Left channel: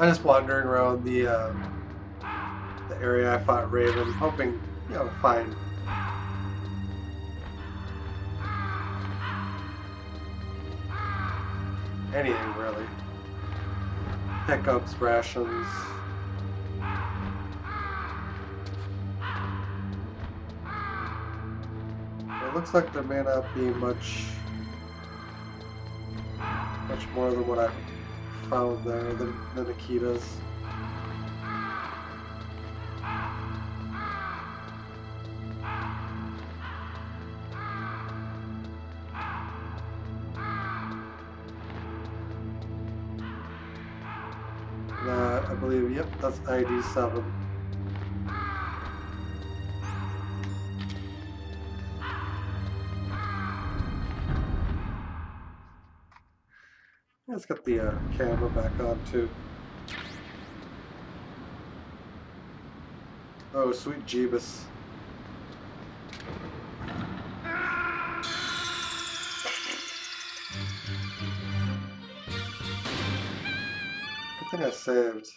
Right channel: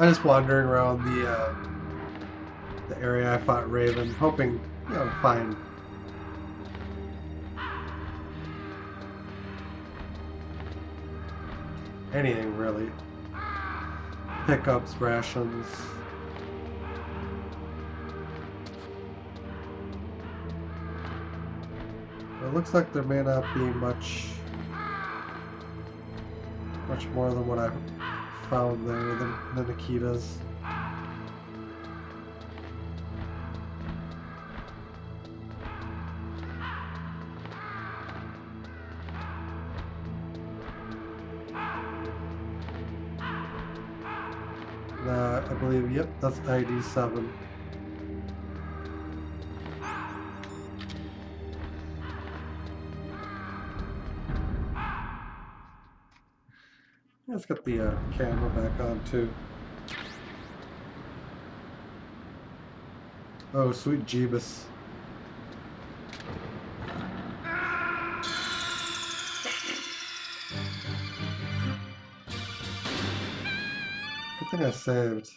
I'm just wandering around the area I fought Raven, hoping, to find anything really. Pickups, rations. It looks like there may not be much more than what I found there than Akita's. I believe, yep, that's ID 7. Let's get the camera back on too. Oh, sweet Jeebus. Good thing I saved.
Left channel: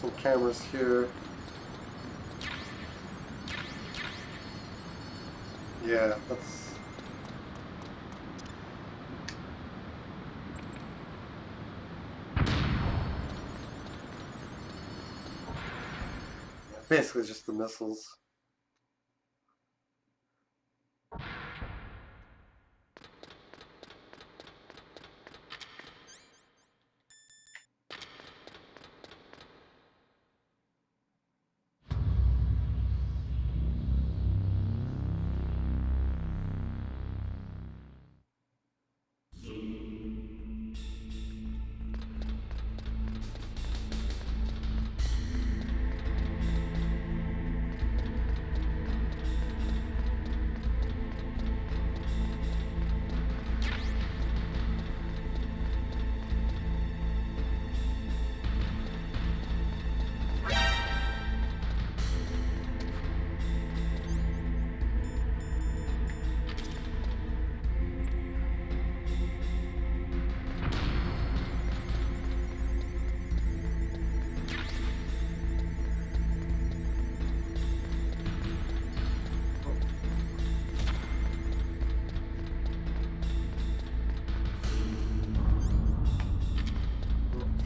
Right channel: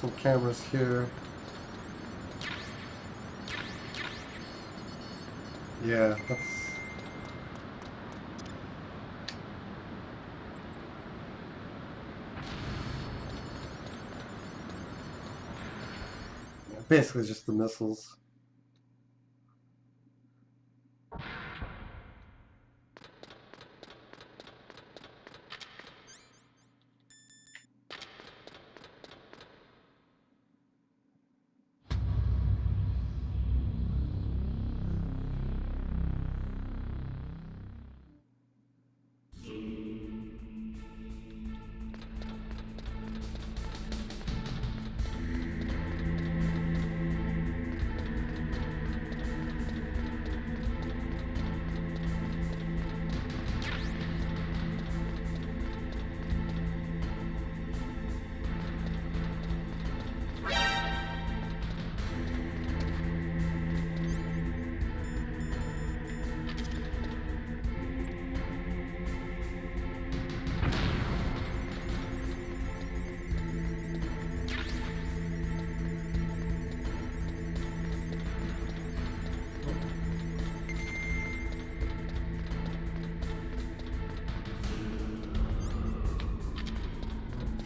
Some cameras here. Yeah, that's... yeah, basically just the missiles.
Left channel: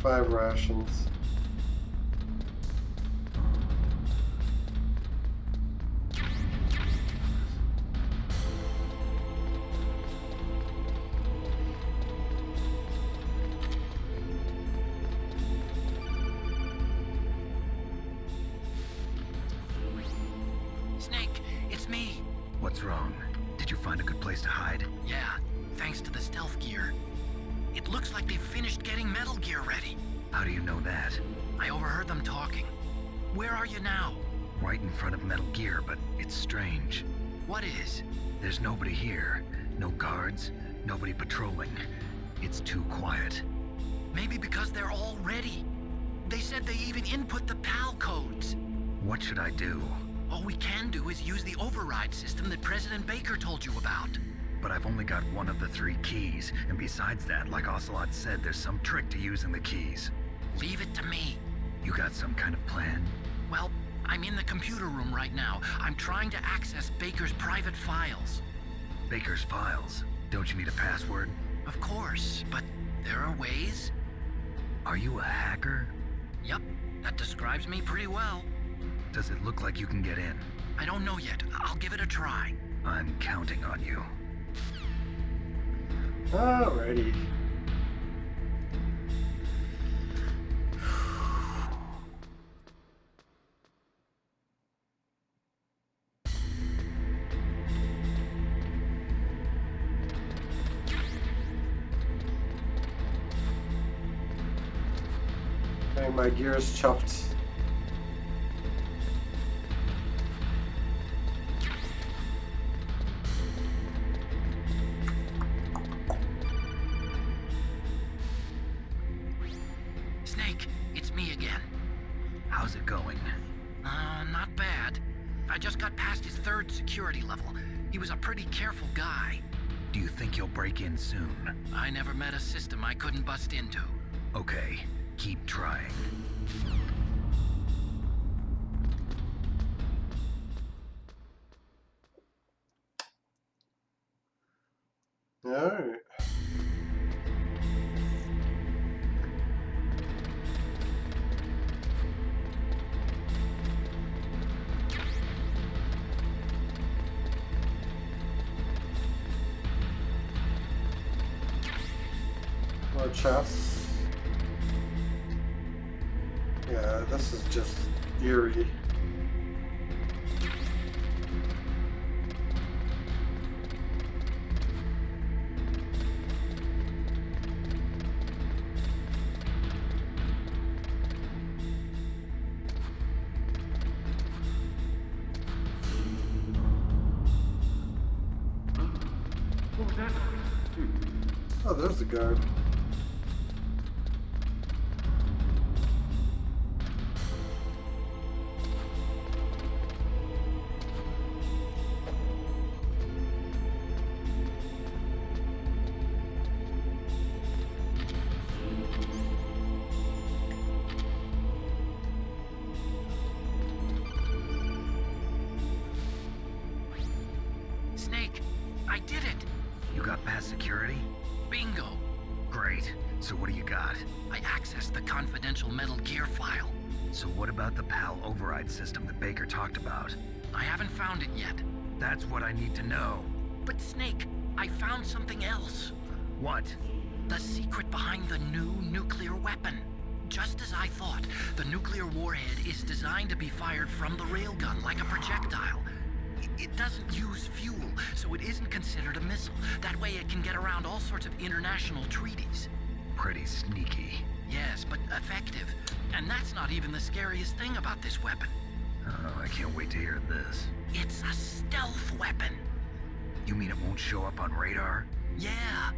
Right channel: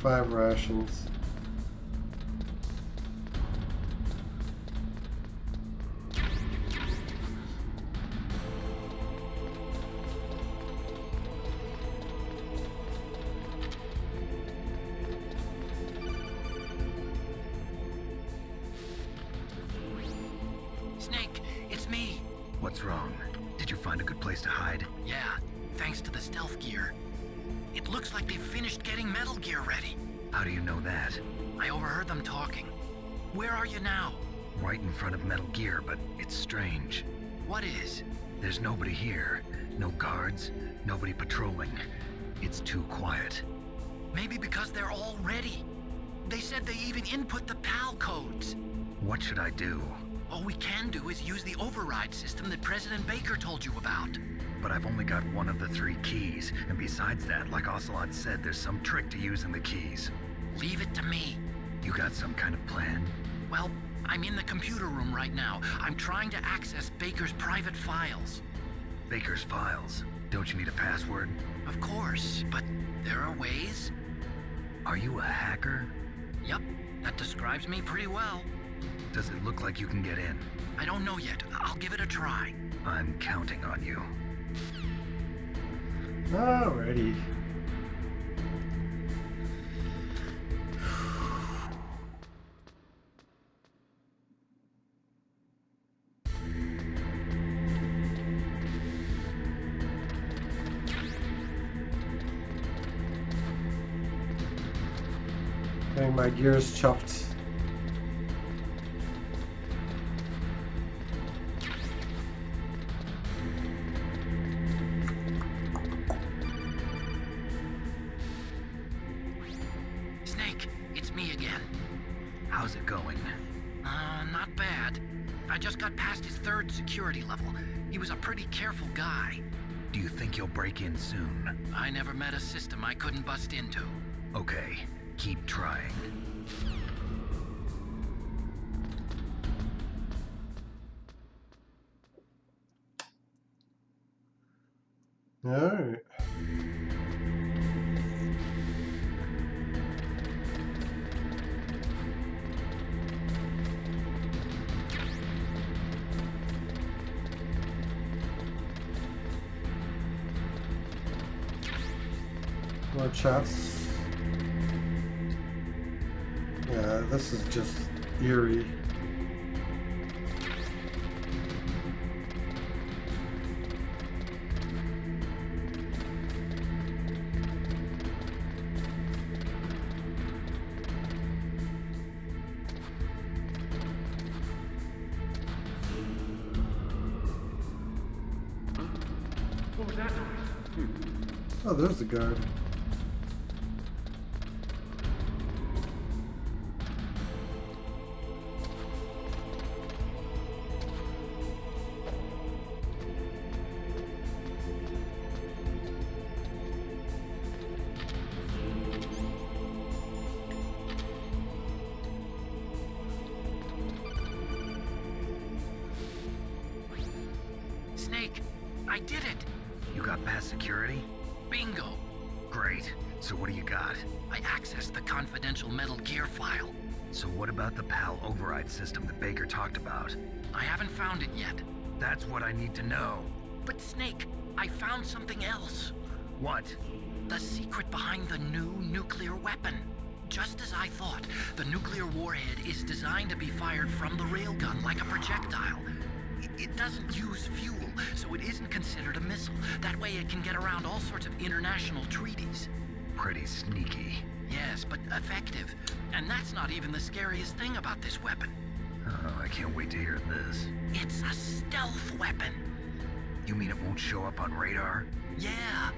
Five rations. Snake, it's me. What's wrong? Did you find a good place to hide? Yeah, thanks to the stealth gear. It looks like they've finished getting Metal Gear ready. How do you know that? I overheard them talking. Where are you now? Right in front of Metal Gear, but it's strange. What is? There's nobody here. No guards, nobody patrolling. It's too quiet. Maybe because they're all ready. They said they even input the PAL codes. What should I do? All we can do is use the override system that President Baker told you about. But I've only got one of the 3 keys, and besides that, like Ocelot said, there's some trick to using the keys. Leave it to me. You got some kind of plan? Well, I'm in the computer room right now. I'm trying to access Baker's private files. Baker's files? Don't you need a password? Of course, but there are ways. Are you a hacker? Yup, that describes me pretty well. Does it look like you can get in? I don't know yet. I'll give it a try. I'm counting on you. Alrighty. Getting my gears chuffed. Snake, it's me again. How's it going? Not bad. I just got past his 3rd security level. He was a pretty careful guy. Do you think you'll break in soon? I never met a system I couldn't bust into. Okay, keep trying. Alright. More chests. Yeah, this is just eerie. What was that noise? Oh, there's the guard. Snake, I did it! You got past security? Bingo! Great. So what do you got? I accessed the confidential Metal Gear file. So what about the PAL override system that Baker talked about? I haven't found it yet. That's what I need to know. But Snake, I found something else. What? The secret behind the new nuclear weapon. Just as I thought, the nuclear warhead is designed to be fired from the railgun like a projectile. It doesn't use fuel, so it isn't considered a missile. That way it can get around all sorts of international treaties. Pretty sneaky. Yes, but effective. And that's not even the scariest thing about this weapon. Oh, I can't wait to hear this. It's a stealth weapon. You mean it won't show up on radar? Yeah.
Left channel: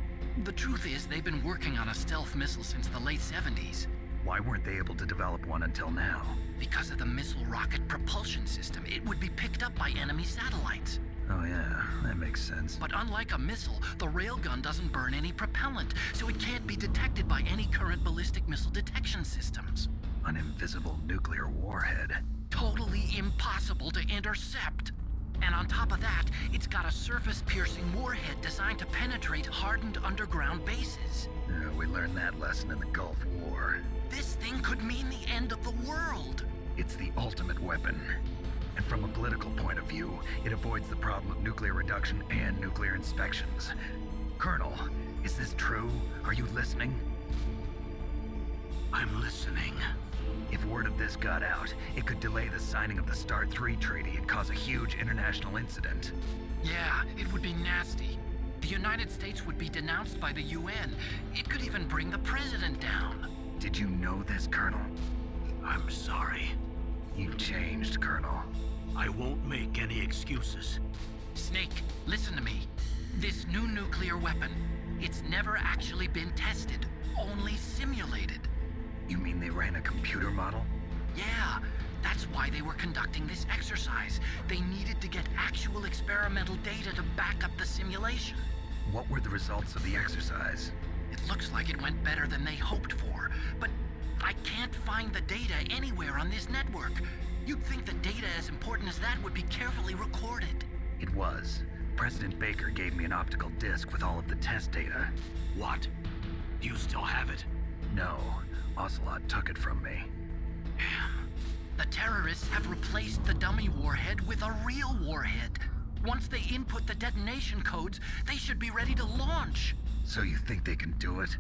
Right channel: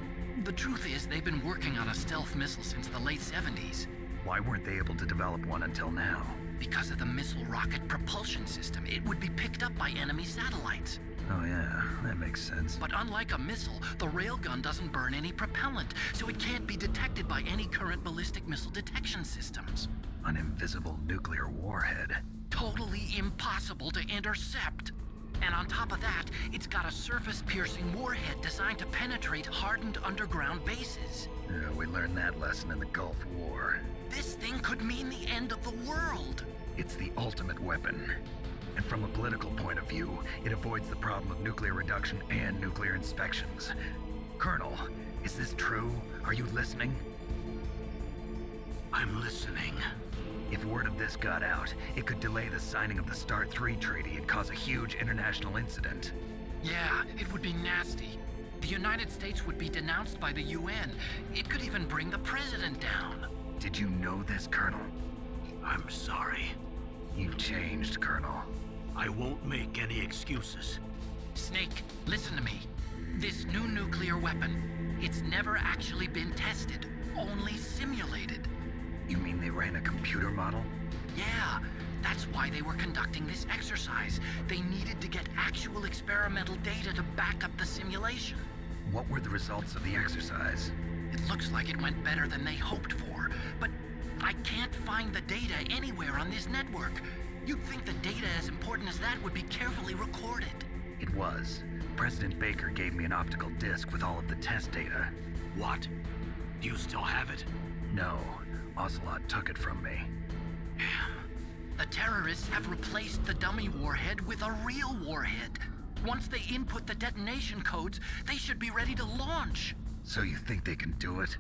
The truth is, they've been working on a stealth missile since the late 70s. Why weren't they able to develop one until now? Because of the missile rocket propulsion system, it would be picked up by enemy satellites. Oh yeah, that makes sense. But unlike a missile, the railgun doesn't burn any propellant, so it can't be detected by any current ballistic missile detection systems. An invisible nuclear warhead. Totally impossible to intercept. And on top of that, it's got a surface-piercing warhead designed to penetrate hardened underground bases. Yeah, we learned that lesson in the Gulf War. This thing could mean the end of the world. It's the ultimate weapon. And from a political point of view, it avoids the problem of nuclear reduction and nuclear inspections. Colonel, is this true? Are you listening? I'm listening. If word of this got out, it could delay the signing of the START 3 treaty and cause a huge international incident. Yeah, it would be nasty. The United States would be denounced by the UN. It could even bring the president down. Did you know this, Colonel? I'm sorry. You've changed, Colonel. I won't make any excuses. Snake, listen to me. This new nuclear weapon, it's never actually been tested, only simulated. You mean they ran a computer model? Yeah, that's why they were conducting this exercise. They needed to get actual experimental data to back up the simulation. What were the results of the exercise? It looks like it went better than they hoped for, but I can't find the data anywhere on this network. You'd think the data as important as that would be carefully recorded. It was. President Baker gave me an optical disc with all of the test data. What? Do you still have it? No, Ocelot took it from me. The terrorists have replaced the dummy warhead with a real warhead. Once they input the detonation codes, they should be ready to launch. So you think they can do it?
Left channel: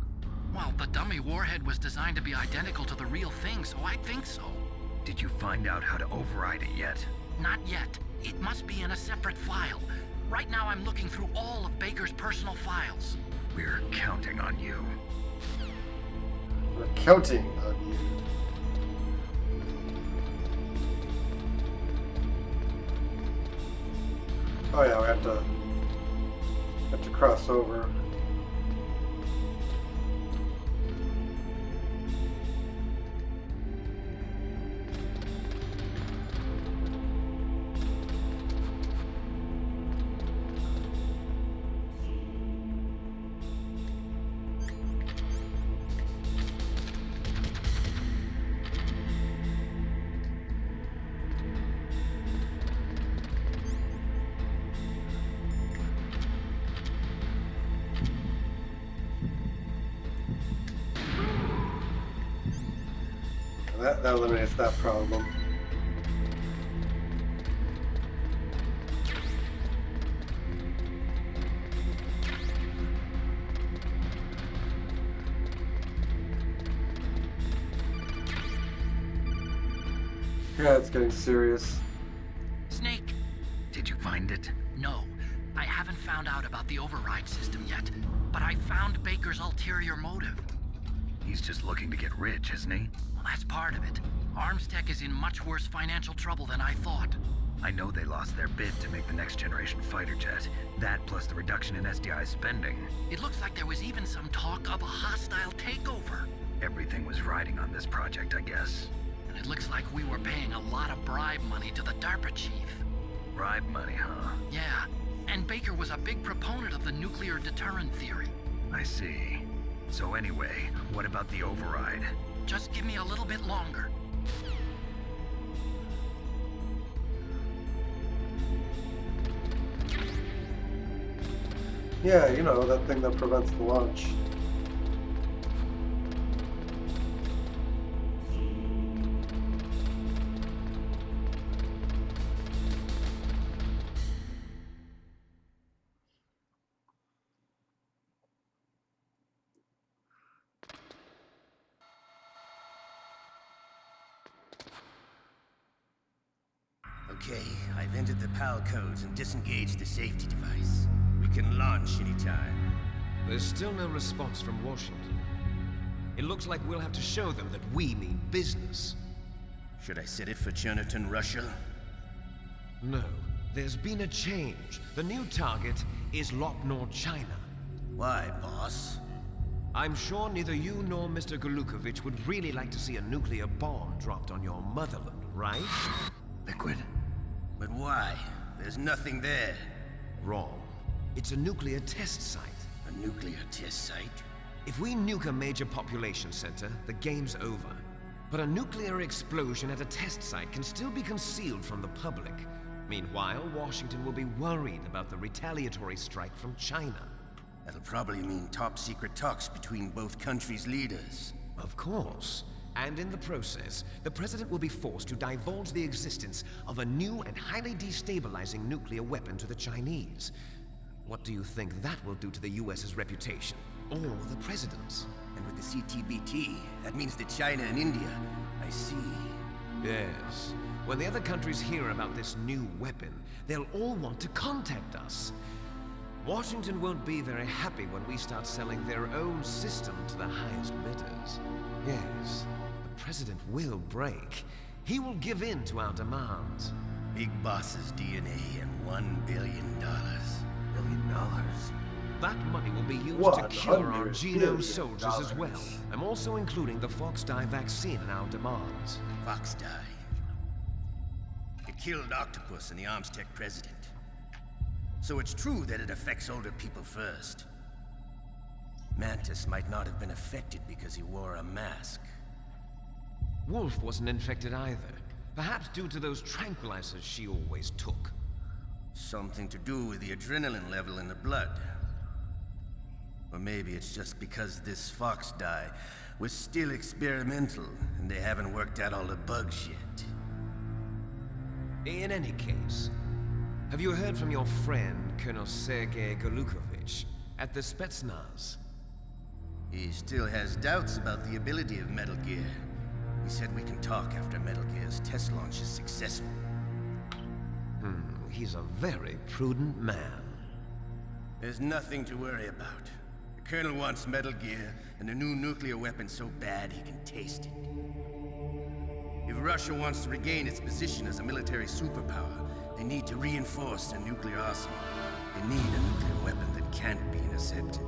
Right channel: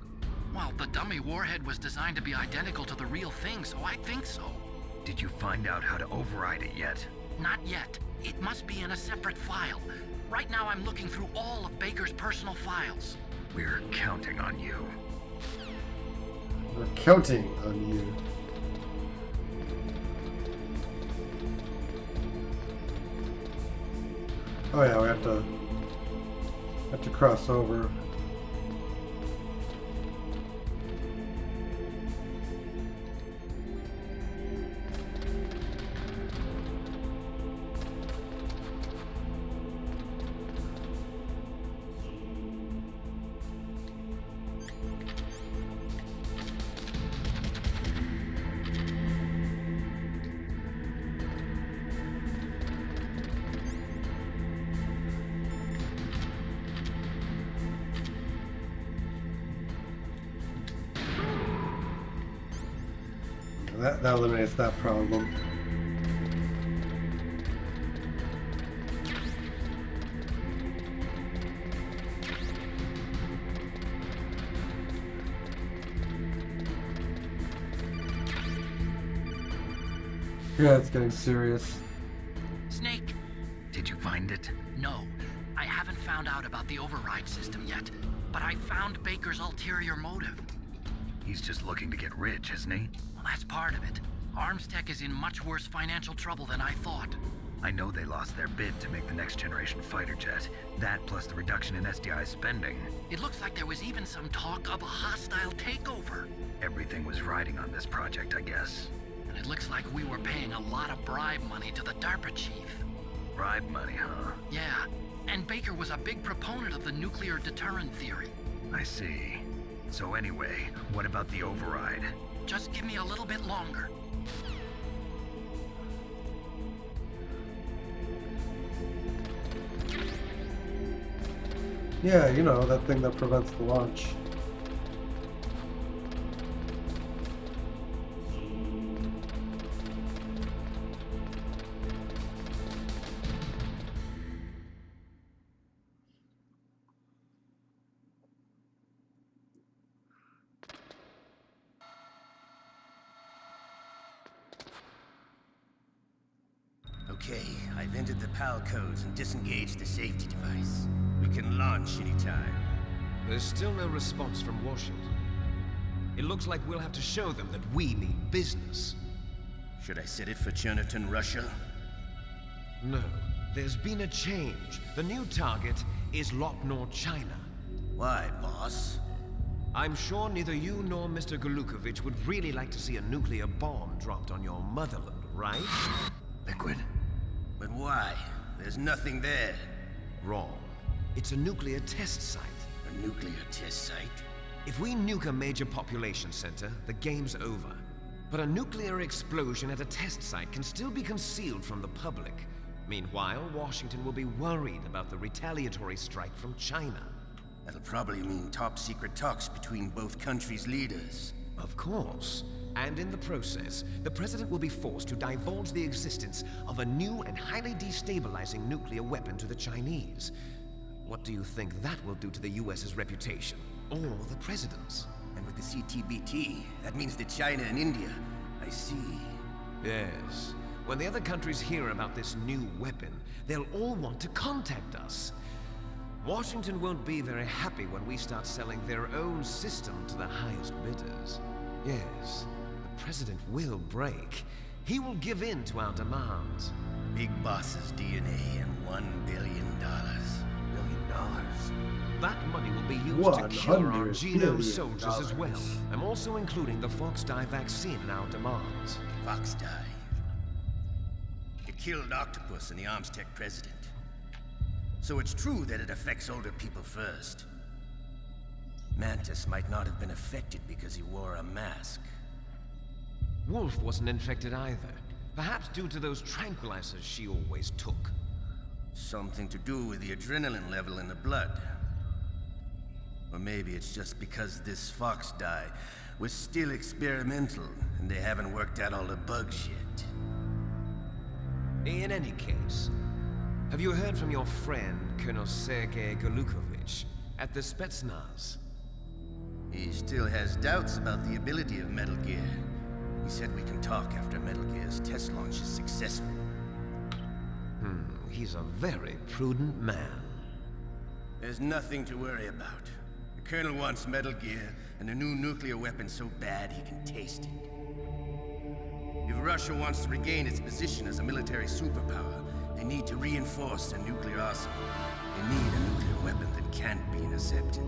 Well, the dummy warhead was designed to be identical to the real thing, so I think so. Did you find out how to override it yet? Not yet. It must be in a separate file. Right now I'm looking through all of Baker's personal files. We're counting on you. We're counting on you. Oh yeah, we have to cross over. That eliminates that problem. Yeah, it's getting serious. Snake, Did you find it? no. I haven't found out about the override system yet, but I found Baker's ulterior motive. He's just looking to get rich, isn't he? Well, that's part of it. Armstech is in much worse financial trouble than I thought. I know they lost their bid to make the next generation fighter jet. That plus the reduction in SDI spending. It looks like there was even some talk of a hostile takeover. Everything was riding on this project, I guess. And it looks like we were paying a lot of bribe money to the DARPA chief. Bribe money, huh? Yeah, and Baker was a big proponent of the nuclear deterrent theory. I see. So anyway, what about the override? Just give me a little bit longer. Yeah, you know, that thing that prevents the launch. Okay, I've entered the PAL codes and disengaged the safety device. We can launch anytime. There's still no response from Washington. It looks like we'll have to show them that we mean business. Should I set it for Chernobyl, Russia? No, there's been a change. The new target is Lopnor, China. Why, boss? I'm sure neither you nor Mr. Golukovich would really like to see a nuclear bomb dropped on your motherland, right? Liquid. But why? There's nothing there. Wrong. It's a nuclear test site. A nuclear test site? If we nuke a major population center, the game's over. But a nuclear explosion at a test site can still be concealed from the public. Meanwhile, Washington will be worried about the retaliatory strike from China. That'll probably mean top-secret talks between both countries' leaders. Of course. And in the process, the President will be forced to divulge the existence of a new and highly destabilizing nuclear weapon to the Chinese. What do you think that will do to the US's reputation? Or the President's? And with the CTBT, that means that China and India... I see. Yes. When the other countries hear about this new weapon, they'll all want to contact us. Washington won't be very happy when we start selling their own system to the highest bidders. Yes, the President will break. He will give in to our demands. Big Boss's DNA and $1 billion. $1 billion? That money will be used to 100 cure our billion genome soldiers as well. dollars. I'm also including the Fox-Die vaccine in our demands. Fox-Die. It killed Octopus and the Armstech president. So it's true that it affects older people first. Mantis might not have been affected because he wore a mask. Wolf wasn't infected either. Perhaps due to those tranquilizers she always took. Something to do with the adrenaline level in the blood. Or maybe it's just because this Fox-Die was still experimental and they haven't worked out all the bugs yet. In any case, have you heard from your friend, Colonel Sergei Golukovich, at the Spetsnaz? He still has doubts about the ability of Metal Gear. He said we can talk after Metal Gear's test launch is successful. He's a very prudent man. There's nothing to worry about. The Colonel wants Metal Gear and a new nuclear weapon so bad he can taste it. If Russia wants to regain its position as a military superpower, They need to reinforce their nuclear arsenal. They need a nuclear weapon that can't be intercepted.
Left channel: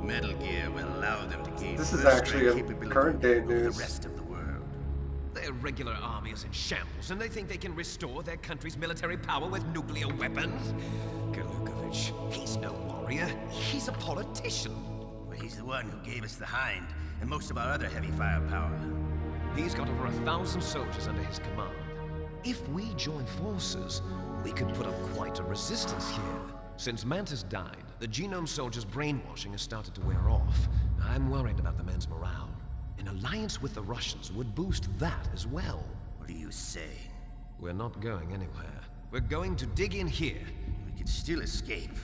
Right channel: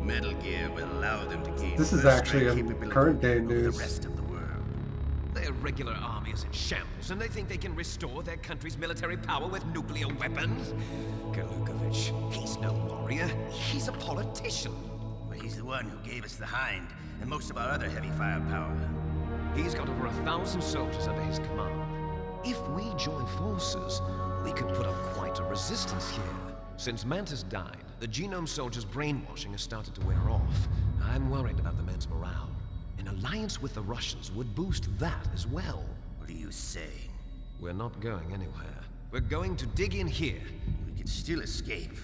Metal Gear will allow them to gain This is first-rate actually in capability current day over the news. rest of the world. Their regular army is in shambles, and they think they can restore their country's military power with nuclear weapons? Galukovich, he's no warrior. He's a politician. But he's the one who gave us the Hind and most of our other heavy firepower. He's got over 1,000 soldiers under his command. If we join forces, we could put up quite a resistance here. Since Mantis died, the Genome Soldiers' brainwashing has started to wear off. I'm worried about the men's morale. An alliance with the Russians would boost that as well. What are you saying? We're not going anywhere. We're going to dig in here. We could still escape.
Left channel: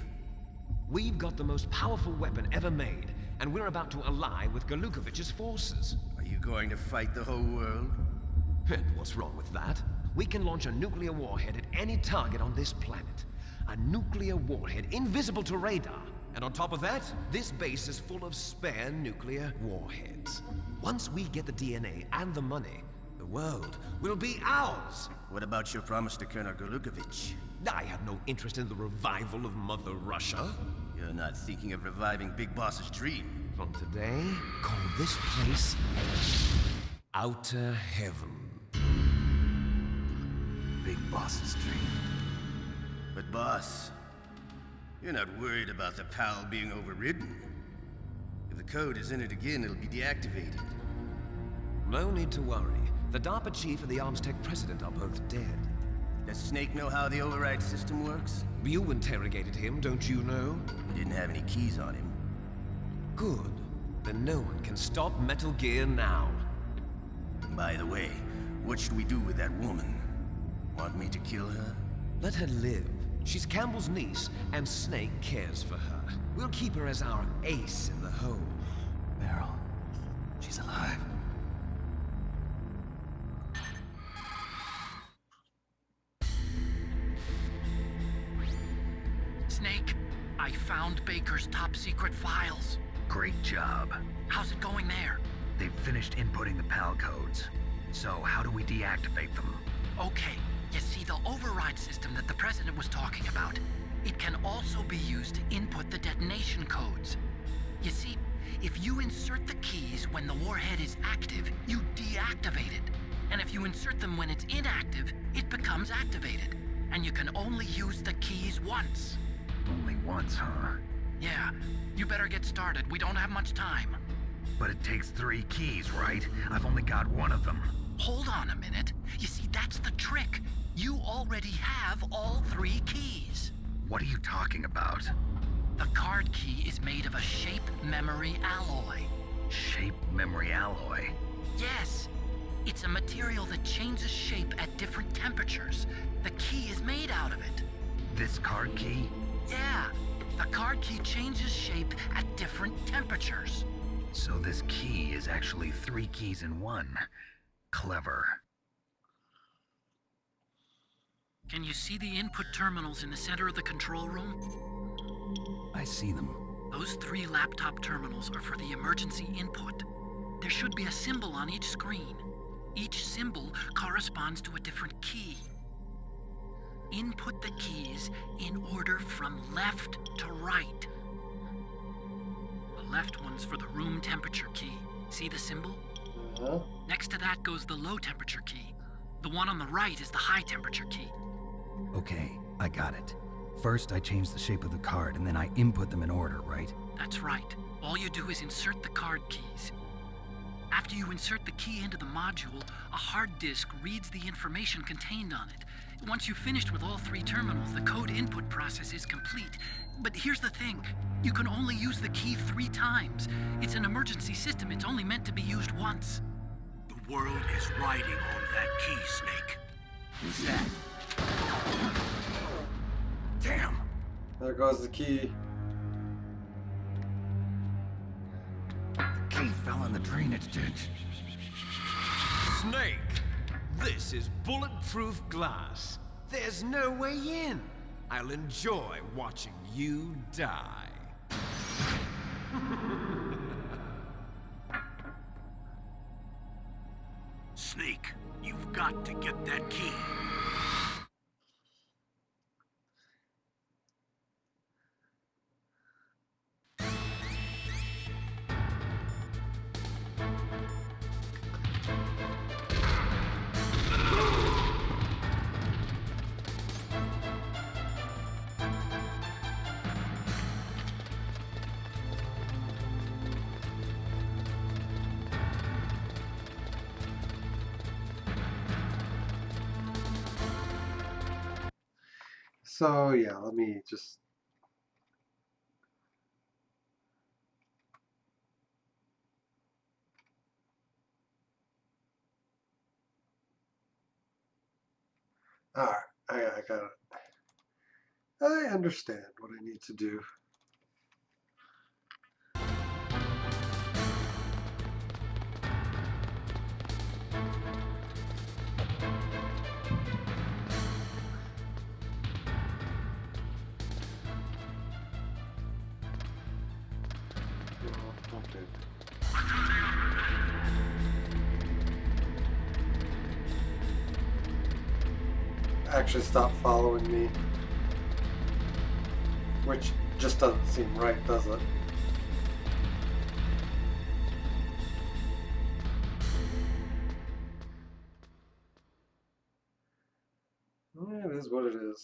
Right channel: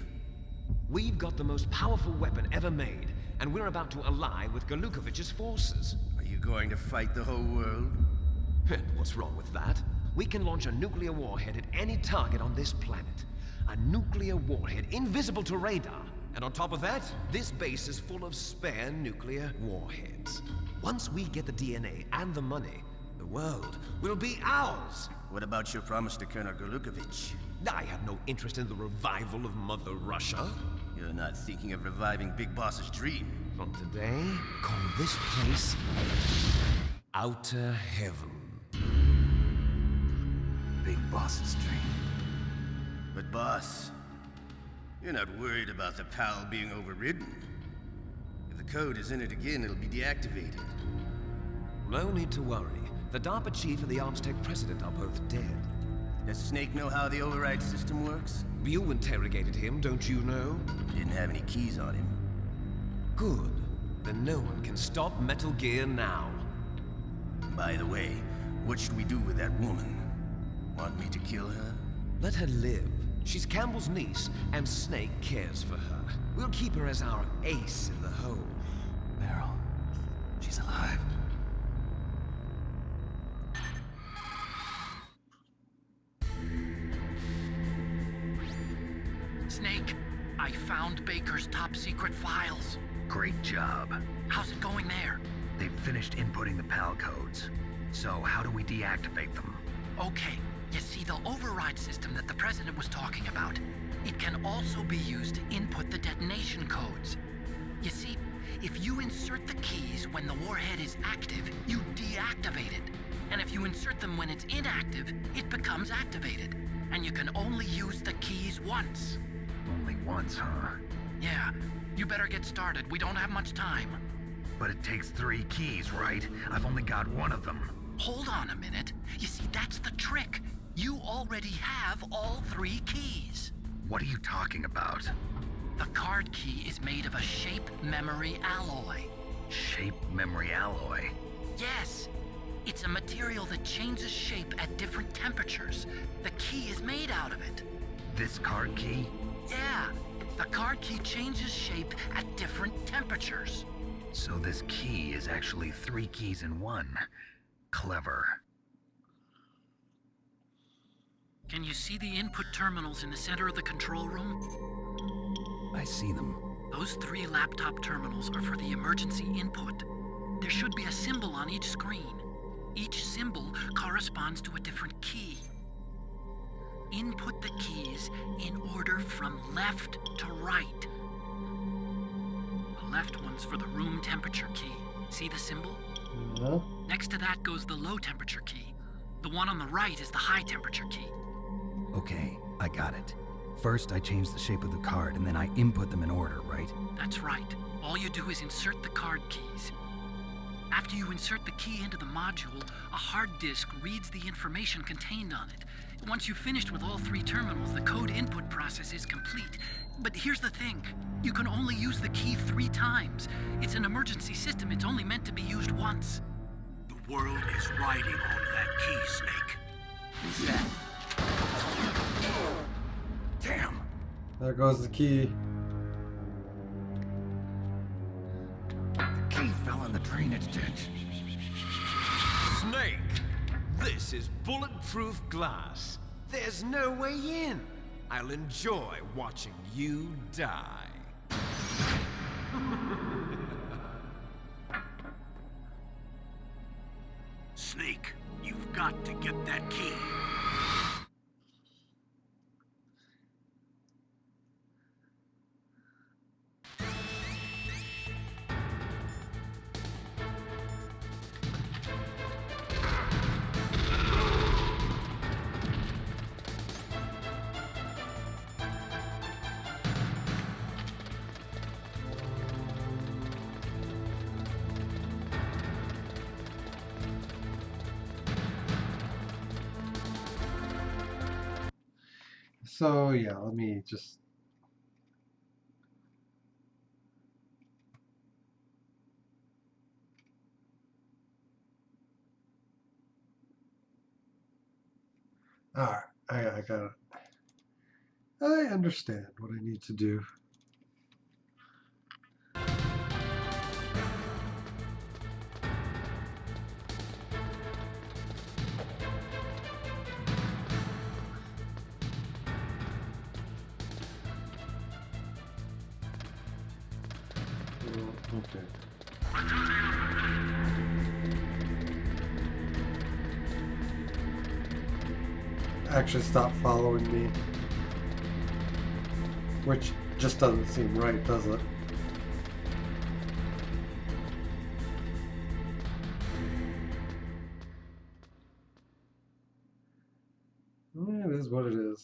We've got the most powerful weapon ever made, and we're about to ally with Galukovich's forces. Are you going to fight the whole world? And what's wrong with that? We can launch a nuclear warhead at any target on this planet. A nuclear warhead invisible to radar. And on top of that, this base is full of spare nuclear warheads. Once we get the DNA and the money, the world will be ours. What about your promise to Colonel Galukovich? I have no interest in the revival of Mother Russia. You're not thinking of reviving Big Boss's dream. From today, call this place Outer Heaven. Big Boss's dream. But boss, you're not worried about the PAL being overridden. If the code is in it again, it'll be deactivated. No need to worry. The DARPA chief and the Armstech president are both dead. Does Snake know how the override system works? You interrogated him, don't you know? He didn't have any keys on him. Good. Then no one can stop Metal Gear now. By the way, what should we do with that woman? Want me to kill her? Let her live. She's Campbell's niece, and Snake cares for her. We'll keep her as our ace in the hole. Meryl. She's alive. Snake, I found Baker's top secret files. Great job. How's it going there? They've finished inputting the PAL codes. So how do we deactivate them? Okay, you see the override system that the President was talking about. It can also be used to input the detonation codes. You see, if you insert the keys when the warhead is active, you deactivate it. And if you insert them when it's inactive, it becomes activated. And you can only use the keys once. Only once, huh? Yeah, you better get started. We don't have much time. But it takes 3 keys, right? I've only got 1 of them. Hold on a minute. You see, that's the trick. You already have all 3 keys. What are you talking about? The card key is made of a shape memory alloy. Shape memory alloy? Yes. It's a material that changes shape at different temperatures. The key is made out of it. This card key? Yeah. The card key changes shape at different temperatures. So this key is actually 3 keys in 1. Clever. Can you see the input terminals in the center of the control room? I see them. Those 3 laptop terminals are for the emergency input. There should be a symbol on each screen. Each symbol corresponds to a different key. Input the keys in order from left to right. The left one's for the room temperature key. See the symbol? Yeah. Next to that goes the low temperature key. The one on the right is the high temperature key. Okay, I got it. First, I change the shape of the card, and then I input them in order, right? That's right. All you do is insert the card keys. After you insert the key into the module, a hard disk reads the information contained on it. Once you've finished with all 3 terminals, the code input process is complete. But here's the thing. You can only use the key 3 times. It's an emergency system. It's only meant to be used once. The world is riding on that key, Snake. Who's that? Damn! There goes the key. The key fell in the drainage ditch. Snake! This is bulletproof glass. There's no way in. I'll enjoy watching you die. Snake, you've got to get that key. So yeah, let me just. All right, I got it. I understand what I need to do. Okay. Actually, stop following me. Which just doesn't seem right, does it? Well, it is what it is.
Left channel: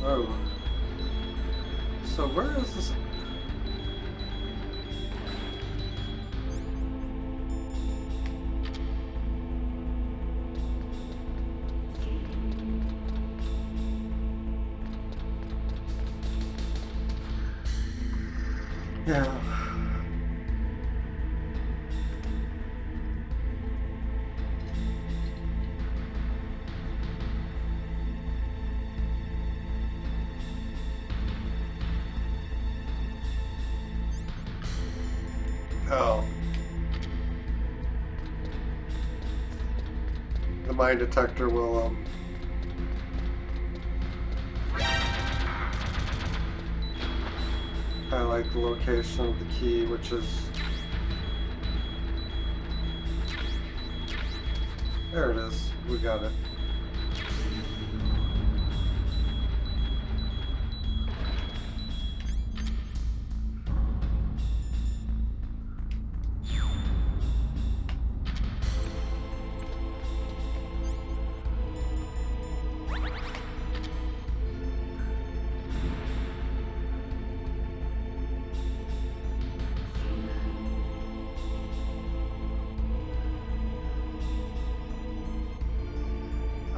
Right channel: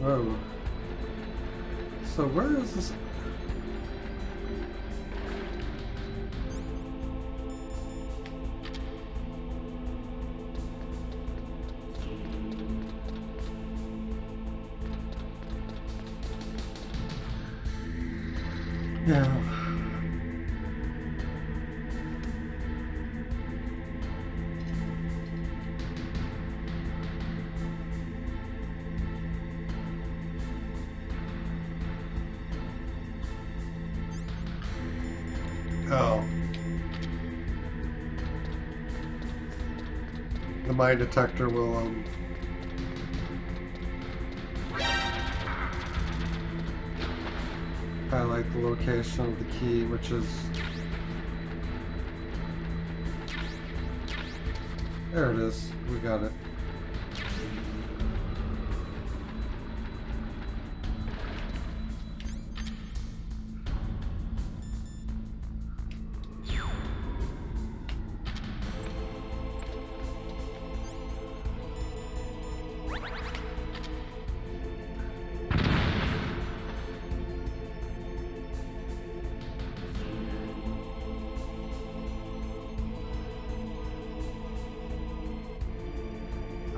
Oh. So where is this? Yeah. Oh. The mine detector will highlight the location of the key, which is there. It is. We got it.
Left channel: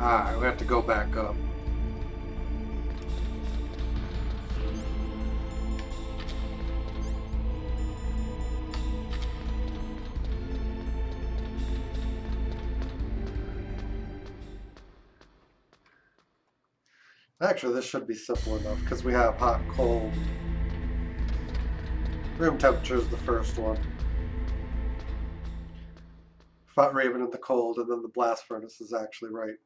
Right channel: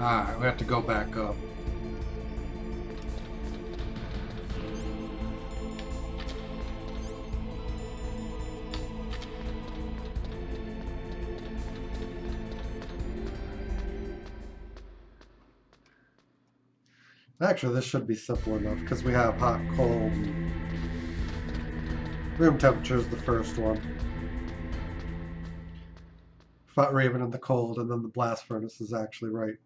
Alright, we have to go back up. Actually, this should be simple enough because we have hot, cold, and room temperature is the first one. Fought Raven in the cold, and then the blast furnace is actually right.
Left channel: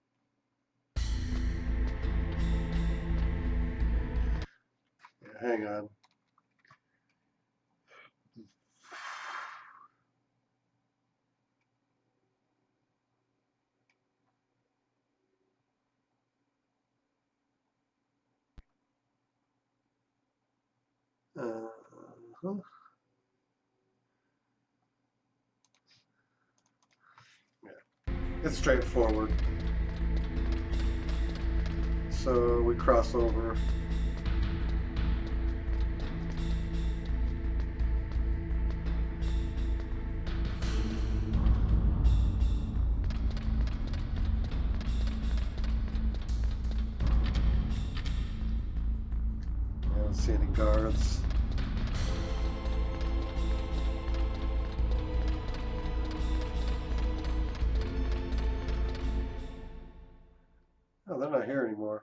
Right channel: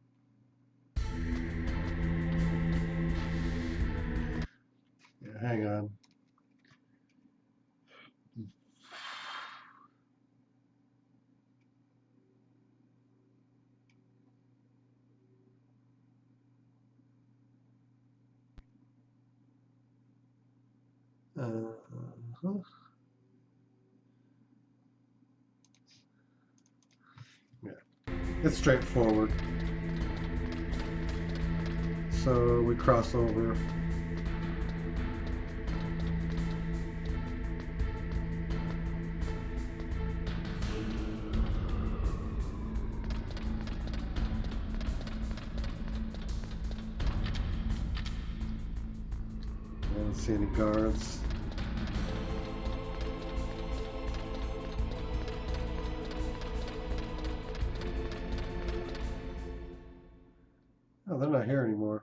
Yeah, hang on. Uh-huh. It's straightforward. So we cross over. I don't see any guards. Oh, they're not here anymore.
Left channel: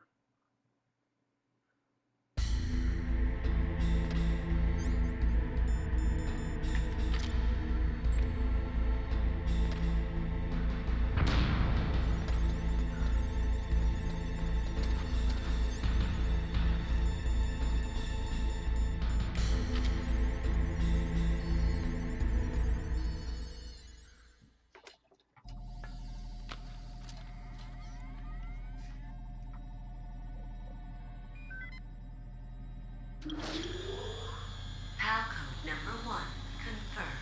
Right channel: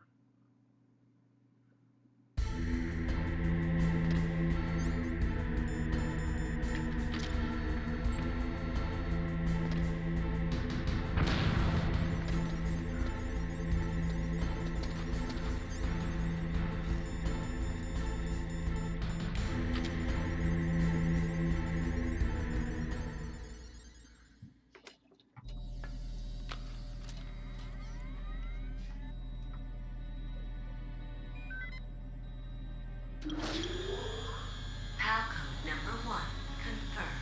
PAL code number 1 confirmed.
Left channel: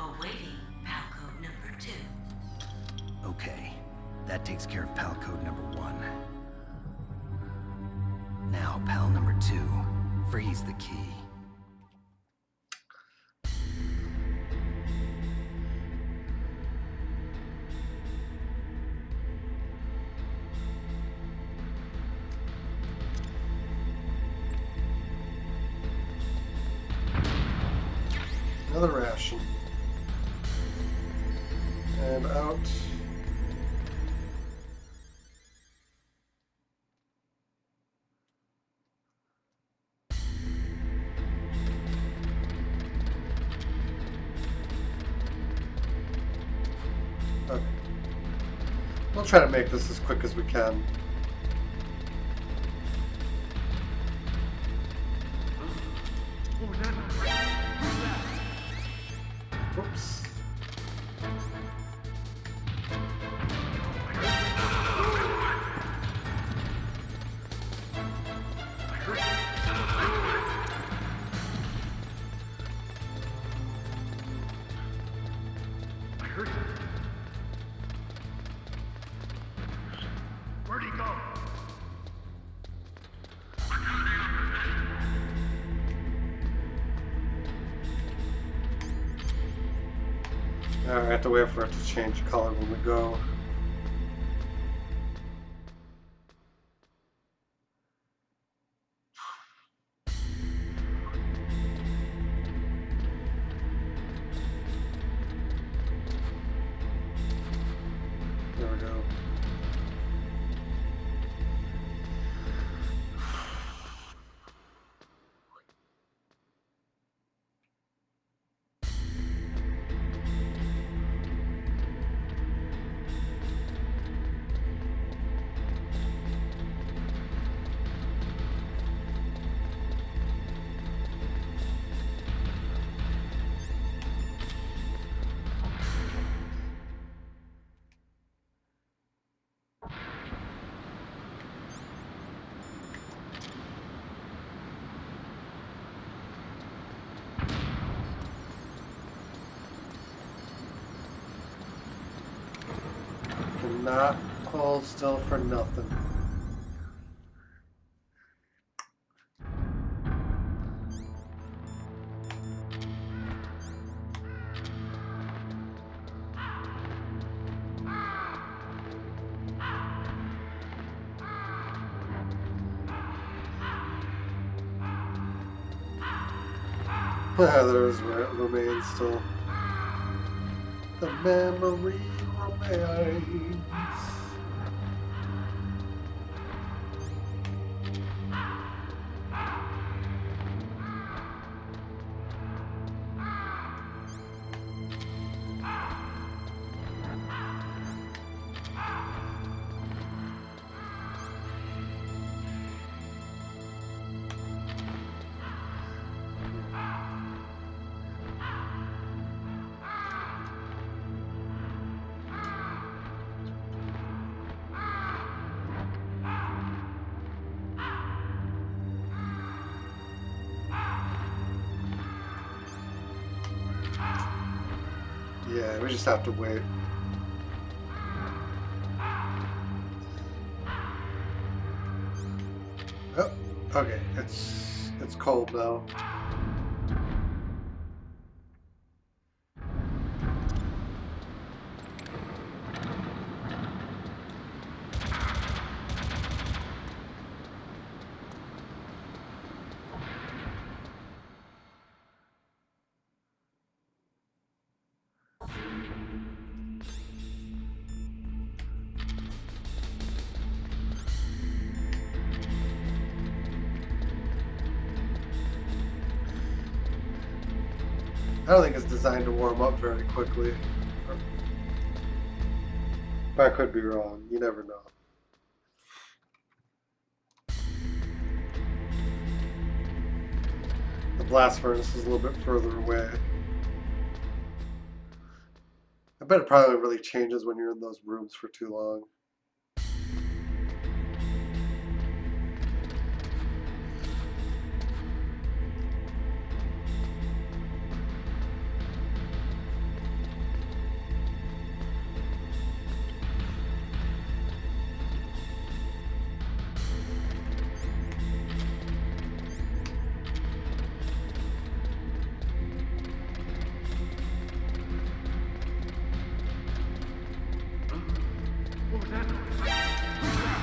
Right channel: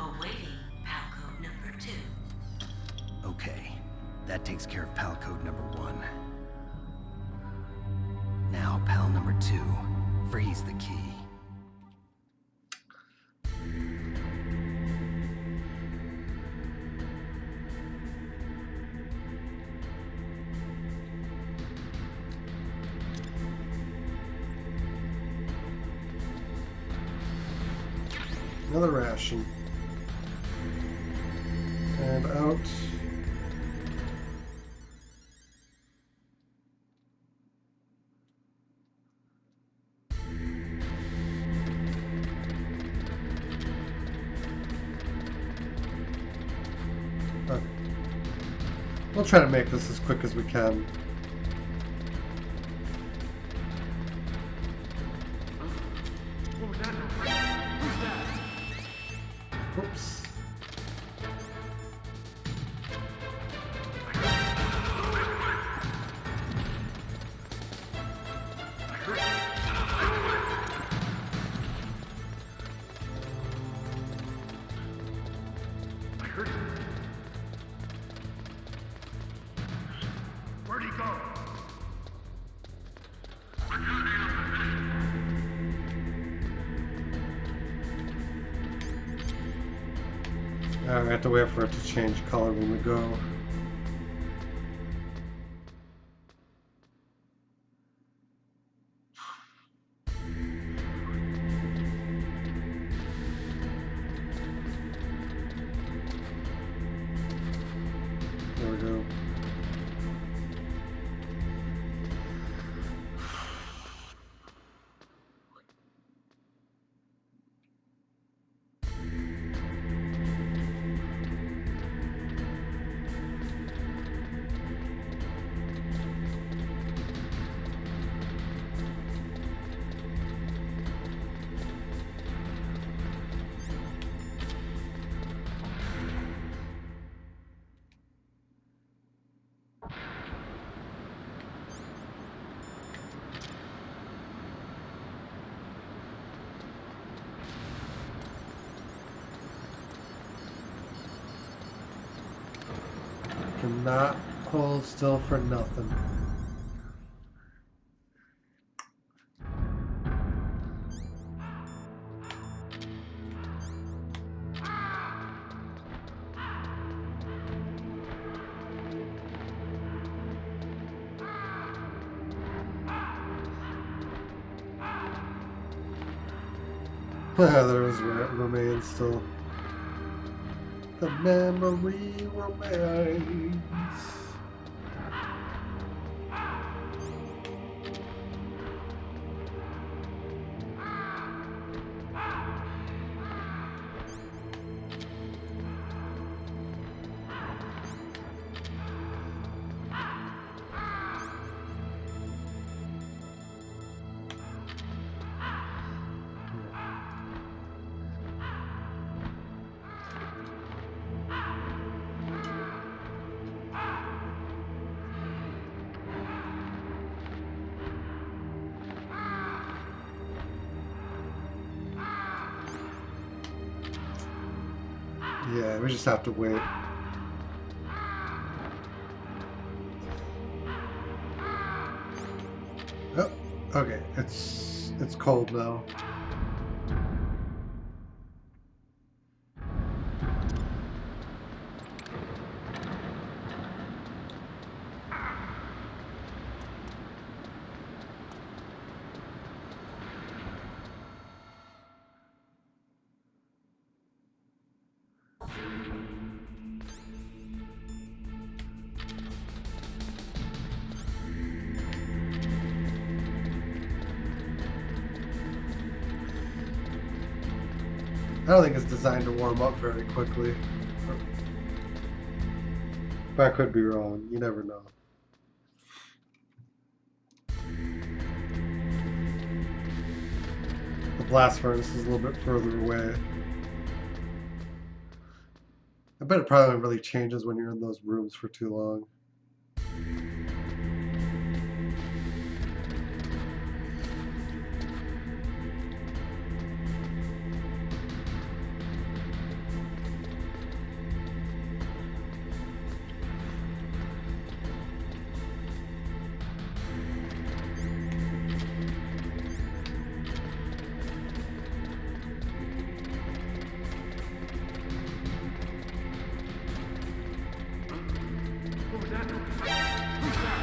Awaiting PAL code number 2. Okay, that takes care of PAL code number 1. Now, PAL number 2, freeze the key. Another ration. And out. Okay. We'll try to make this as quick as we can. What was that noise? Who's that? Whoops. I heard something. Where'd he go? I have to wait for it to change color when we go. There we go. Cannot hold still for nothing. There's where it remains still. The memory remains. Yeah, we just have to wait. Oh, okay. It's cold now. I don't think it's designed to warm up very quickly. But I could be wrong. You never know. The blast furnace is a little bit further away. I bet it probably really changes when you're in those rooms for too long. What was that noise? Who's that?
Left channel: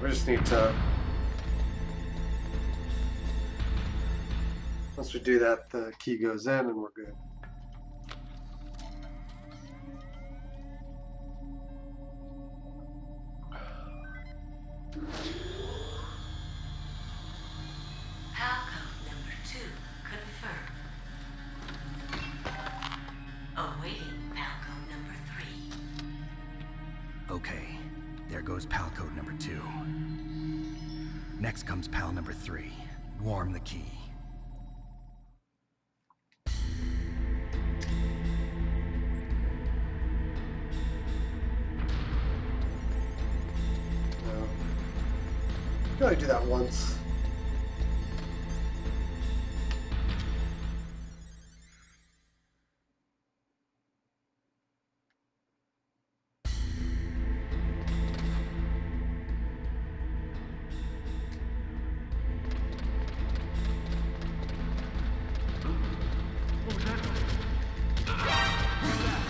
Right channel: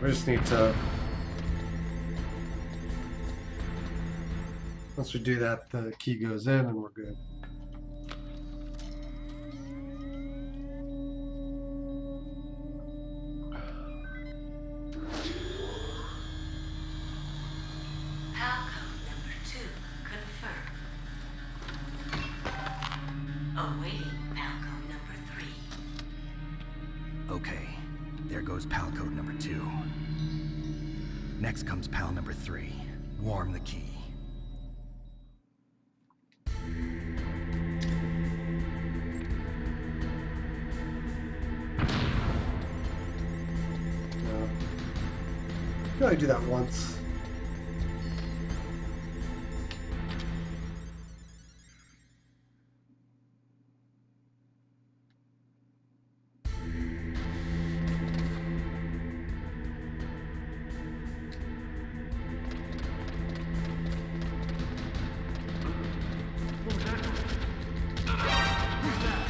We just need to... Once we do that, the key goes in and we're good. PAL code number 2 confirmed. Awaiting PAL code number 3. Okay, there goes PAL code number 2. Next comes PAL number 3. Warm the key. No. You can only do that once. What was that noise? Who's that?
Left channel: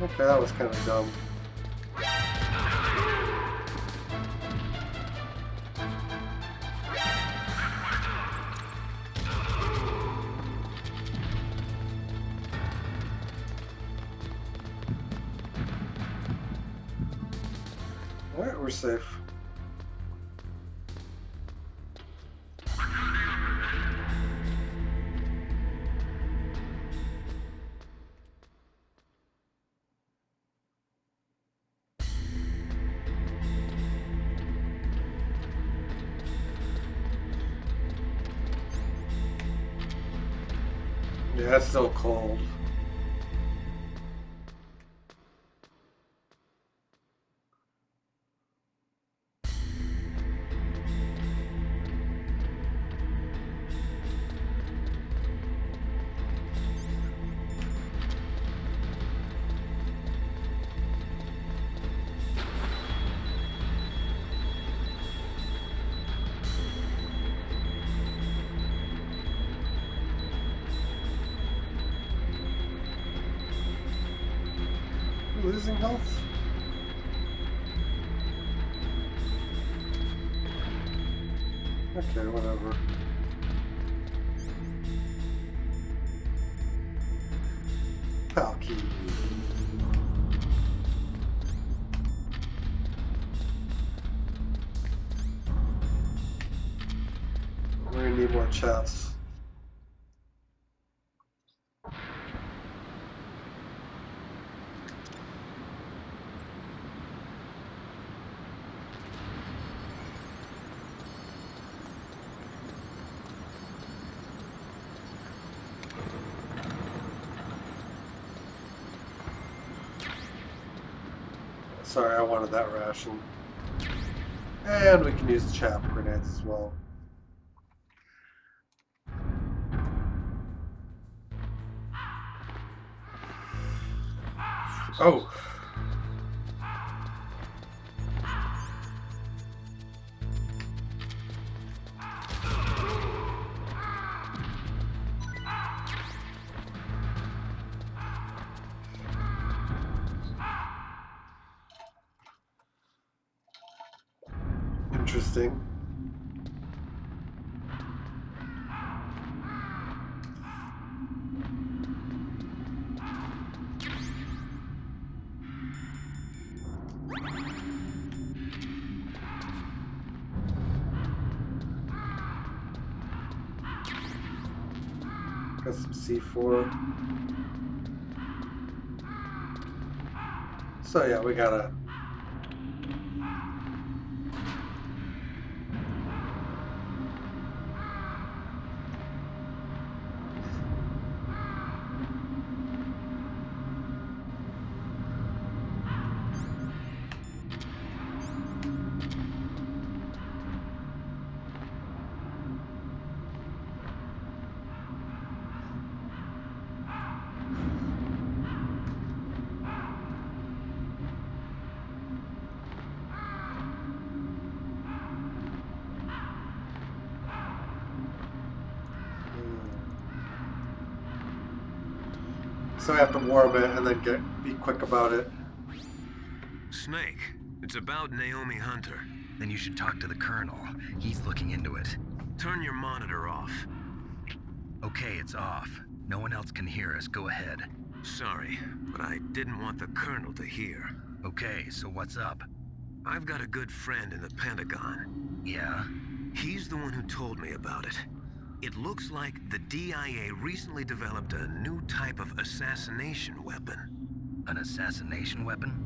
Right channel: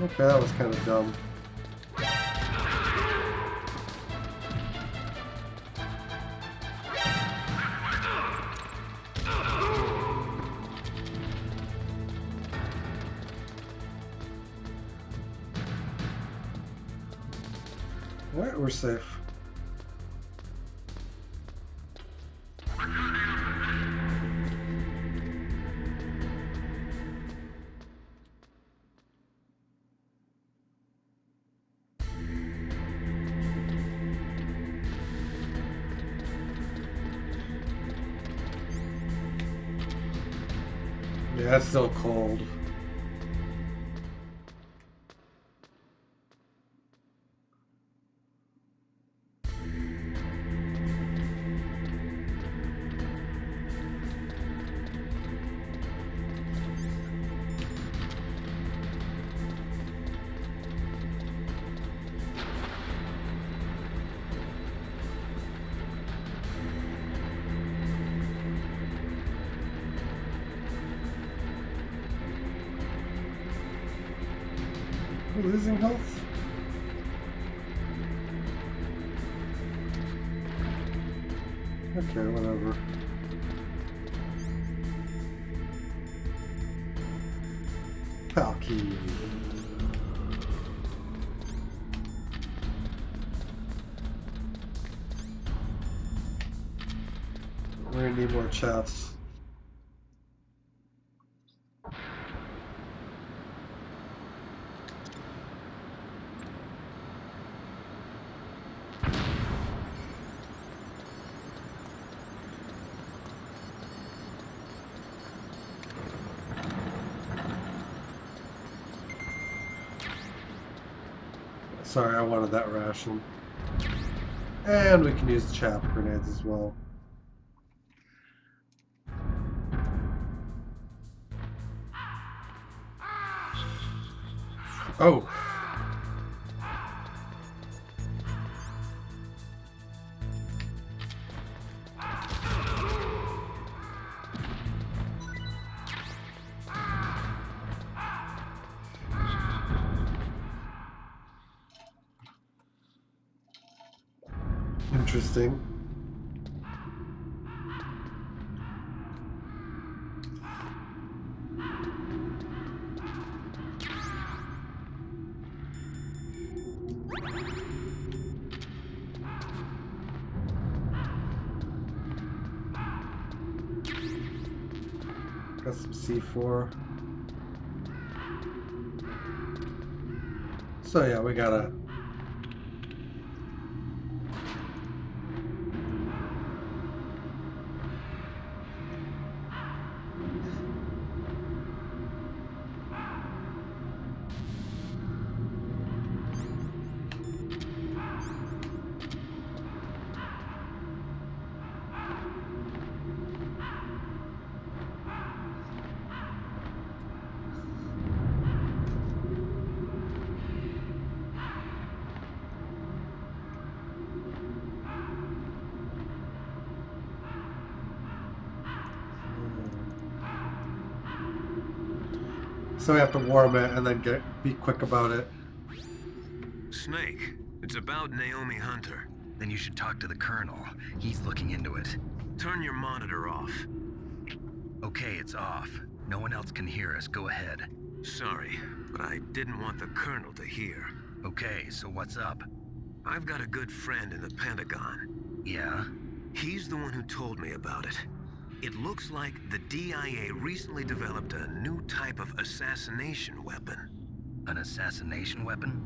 Okay, that was kind of dumb. Alright, we're safe. Yeah, it's still cold. We're losing health? Okay, whatever. PAL key. We're gonna need more chests. Sorry, I wanted that ration. And we can use chaff grenades as well. Oh! Interesting. Got some C4. So yeah, we gotta... So we have to warm it and then be quick about it. Snake, it's about Naomi Hunter. Then you should talk to the Colonel. He's looking into it. Turn your monitor off. Okay, it's off. No one else can hear us. Go ahead. Sorry, but I didn't want the Colonel to hear. Okay, so what's up? I've got a good friend in the Pentagon. Yeah? He's the one who told me about it. It looks like the DIA recently developed a new type of assassination weapon. An assassination weapon?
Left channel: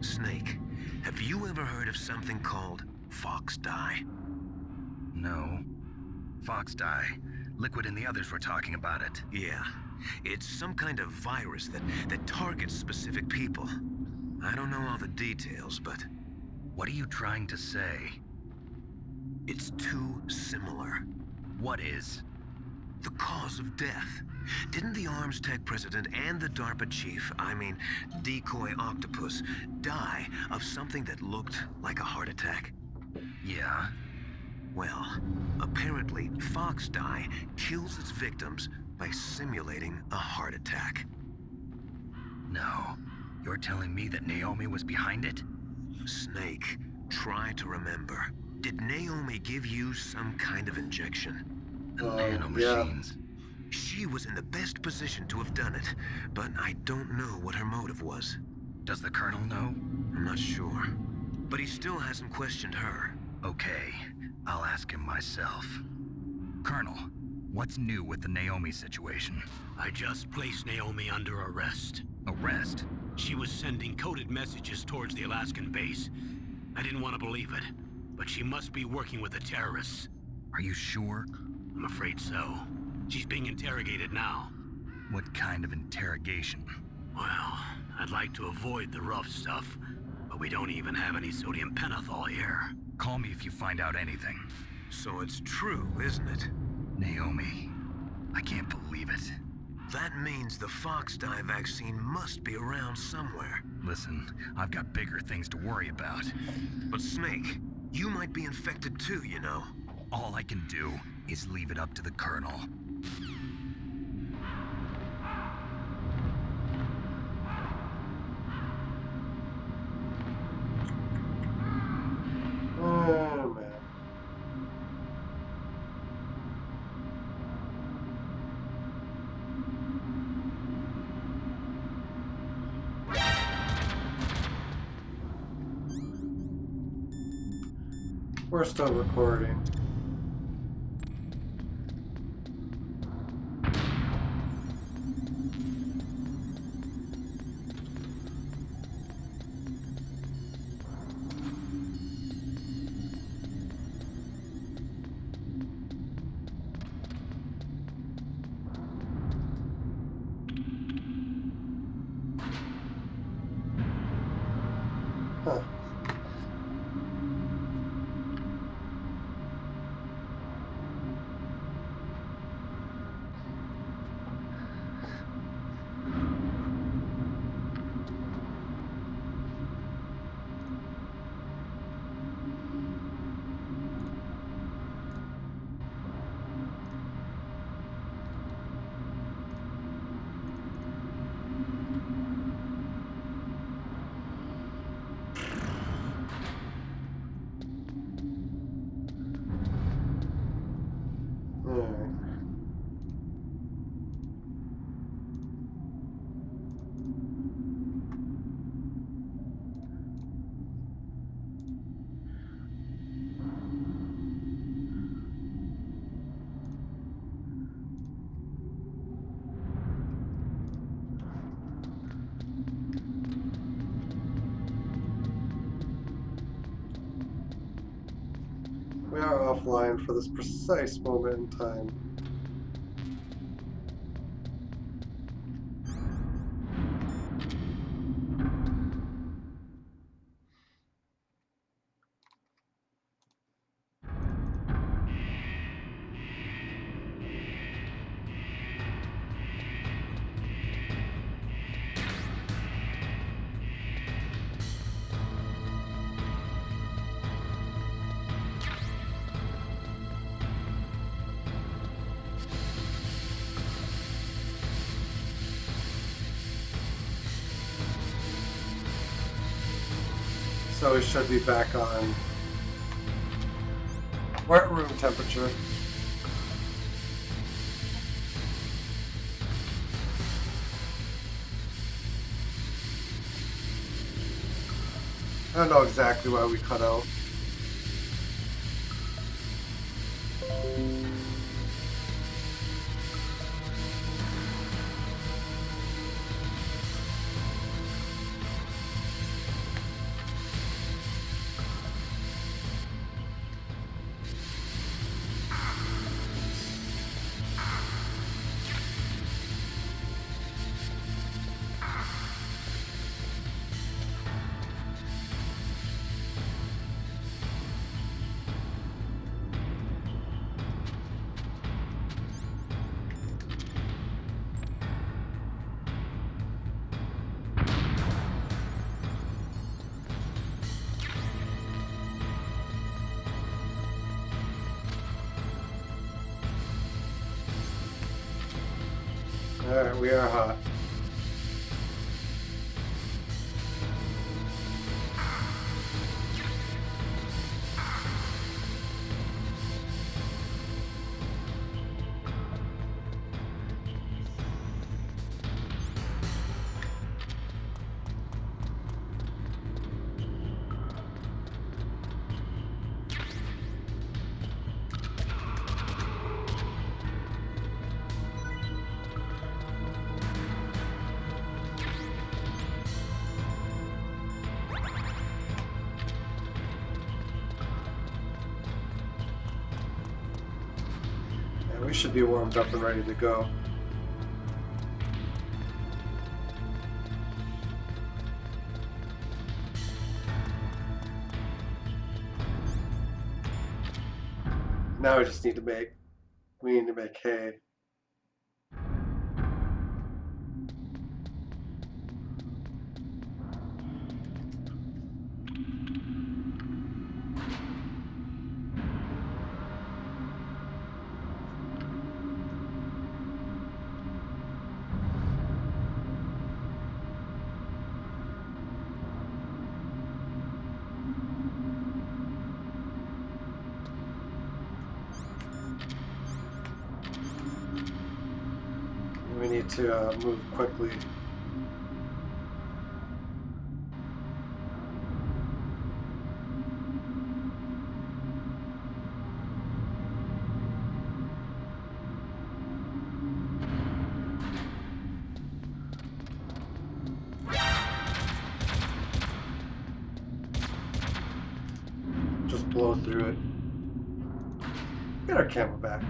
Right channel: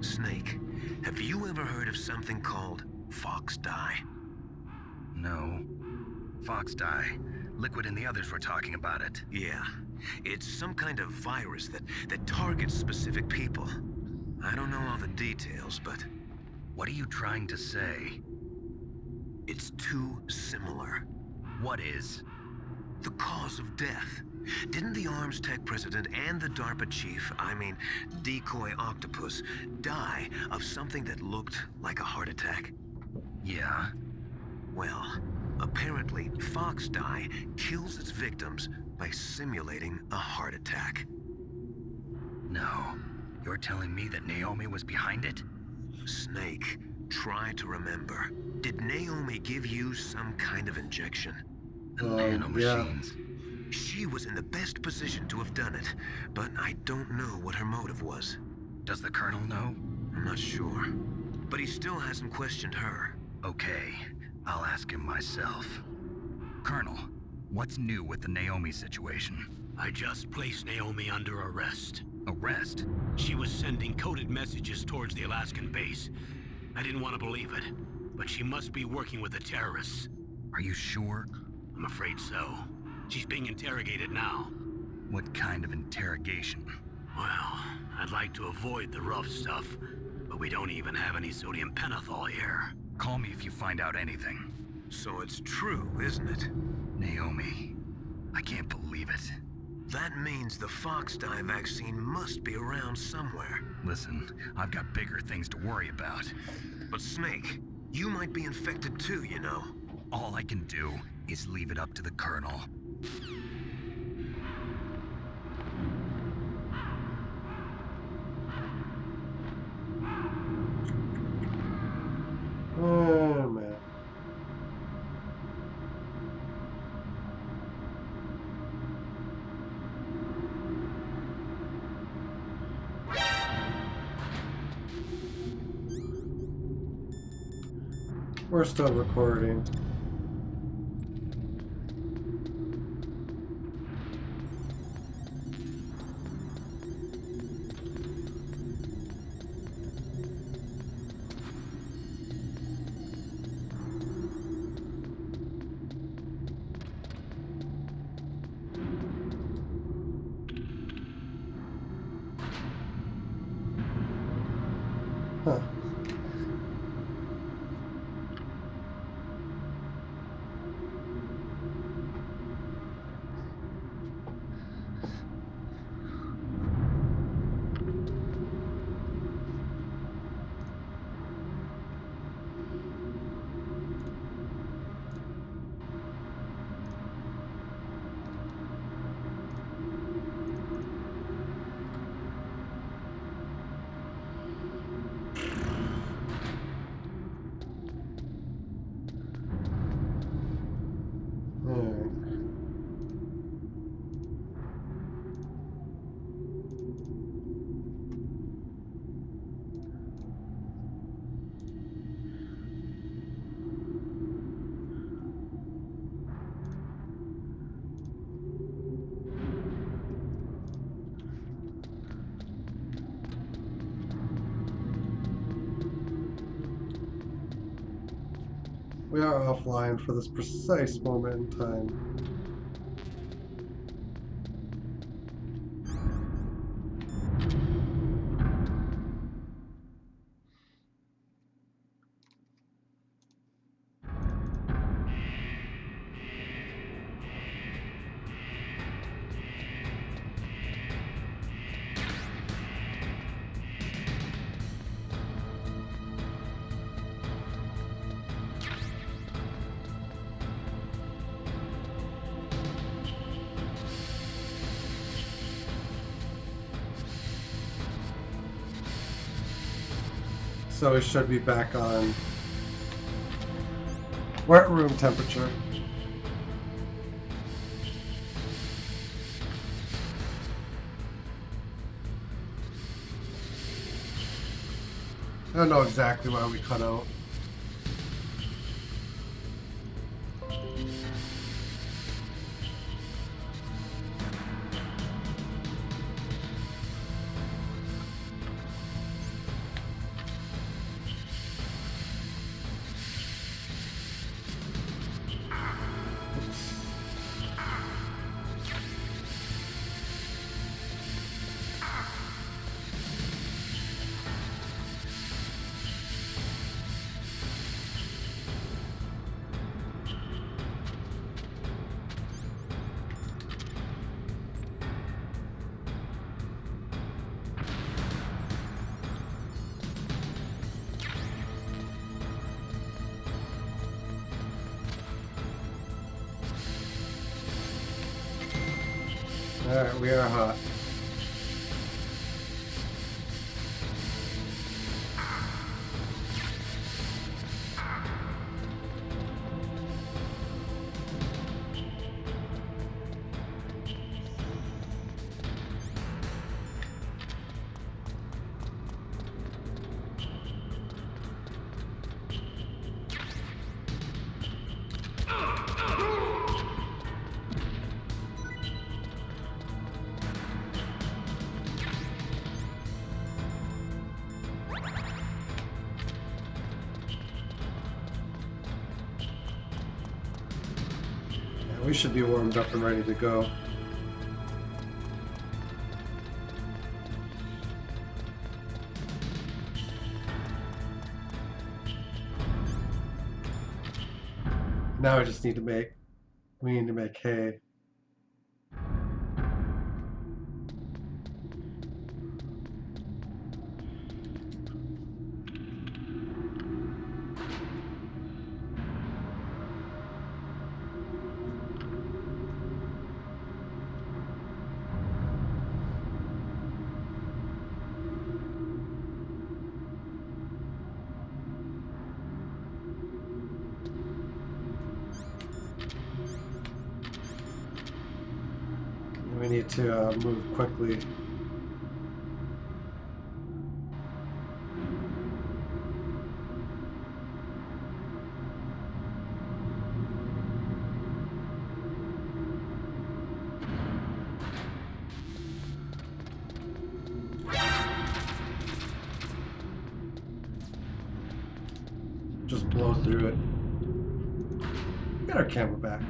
Snake, have you ever heard of something called Fox Dye? No. Fox dye. Liquid and the others were talking about it. Yeah. It's some kind of virus that targets specific people. I don't know all the details, but... What are you trying to say? It's too similar. What is? The cause of death. Didn't the Arms Tech president and the DARPA chief, I mean, Decoy Octopus, die of something that looked like a heart attack? Yeah? Well, apparently Fox Dye kills its victims by simulating a heart attack. No. You're telling me that Naomi was behind it? Snake, try to remember. Did Naomi give you some kind of injection? The nanomachines. She was in the best position to have done it, but I don't know what her motive was. Does the Colonel know? I'm not sure. But he still hasn't questioned her. Okay, I'll ask him myself. Colonel, what's new with the Naomi situation? I just placed Naomi under arrest. Arrest? She was sending coded messages towards the Alaskan base. I didn't want to believe it, but she must be working with the terrorists. Are you sure? I'm afraid so. She's being interrogated now. What kind of interrogation? Well, I'd like to avoid the rough stuff, but we don't even have any sodium pentothal here. Call me if you find out anything. So it's true, isn't it? Naomi, I can't believe it. That means the Fox Dye vaccine must be around somewhere. Listen, I've got bigger things to worry about. But Snake, you might be infected too, you know. All I can do is leave it up to the Colonel. Oh, man. We're still recording. Huh. Alright. We are offline for this precise moment in time. So we should be back on we're at room temperature. I don't know exactly why we cut out. Alright, we are hot. Yeah, we should be warmed up and ready to go. Now we just need to make hay. We need to move quickly. Just blow through it. Get our camera back.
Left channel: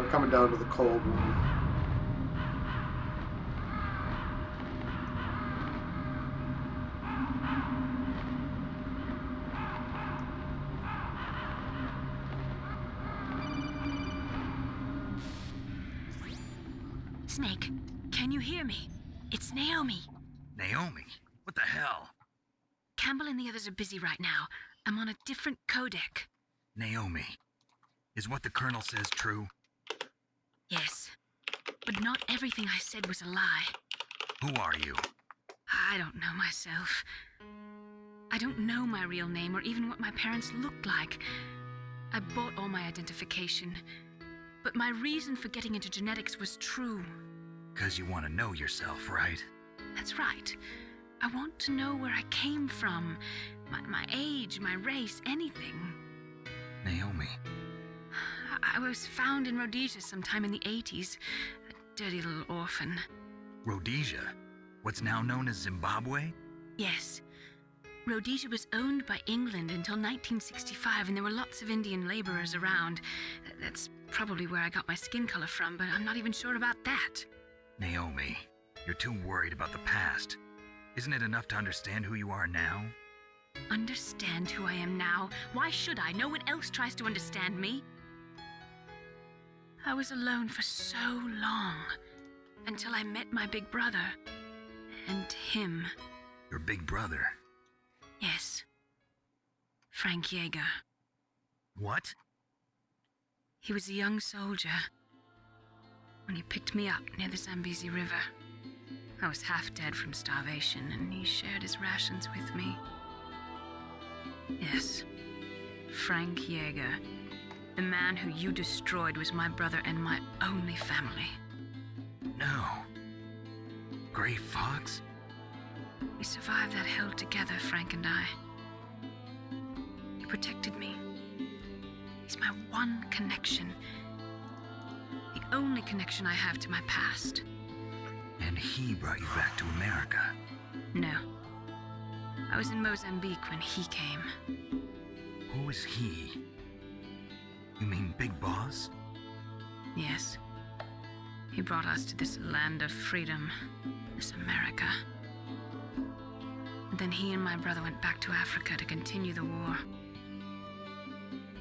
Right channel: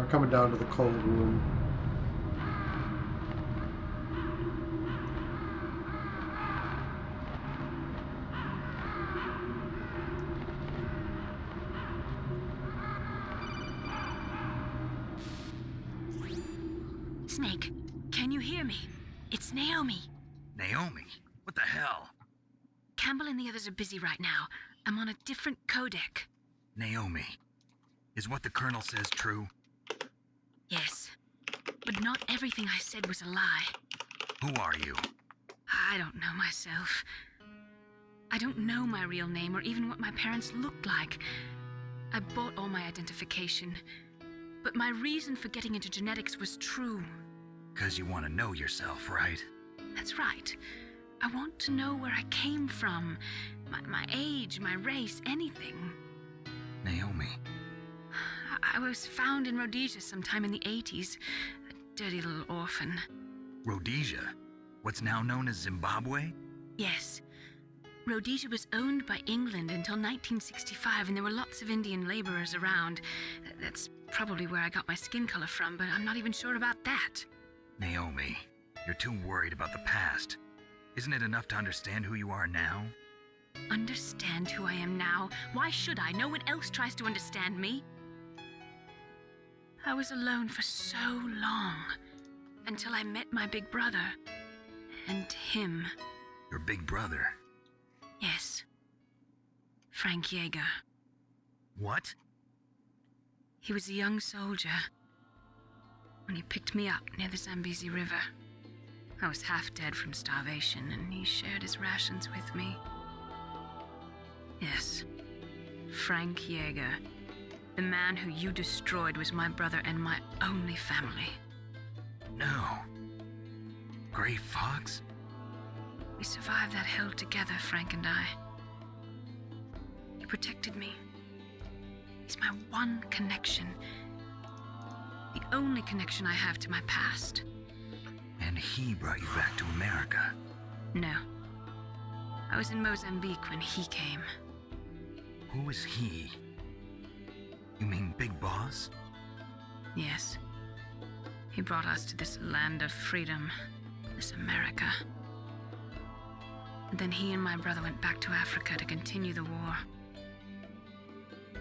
we're coming down to the cold room. Snake, can you hear me? It's Naomi. Naomi? What the hell? Campbell and the others are busy right now. I'm on a different codec. Naomi, is what the Colonel says true? Yes, but not everything I said was a lie. Who are you? I don't know myself. I don't know my real name or even what my parents looked like. I bought all my identification, but my reason for getting into genetics was true. 'Cause you want to know yourself, right? That's right. I want to know where I came from, my age, my race, anything. Naomi. I was found in Rhodesia sometime in the 80s, a dirty little orphan. Rhodesia? What's now known as Zimbabwe? Yes. Rhodesia was owned by England until 1965, and there were lots of Indian laborers around. That's probably where I got my skin color from, but I'm not even sure about that. Naomi, you're too worried about the past. Isn't it enough to understand who you are now? Understand who I am now? Why should I? No one else tries to understand me. I was alone for so long, until I met my big brother. And him. Your big brother? Yes. Frank Yeager. What? He was a young soldier when he picked me up near the Zambezi River. I was half dead from starvation, and he shared his rations with me. Yes, Frank Yeager. The man who you destroyed was my brother and my only family. No. Gray Fox? We survived that hell together, Frank and I. He protected me. He's my one connection. The only connection I have to my past. And he brought you back to America? No. I was in Mozambique when he came. Who is he? You mean Big Boss? Yes. He brought us to this land of freedom, this America. And then he and my brother went back to Africa to continue the war.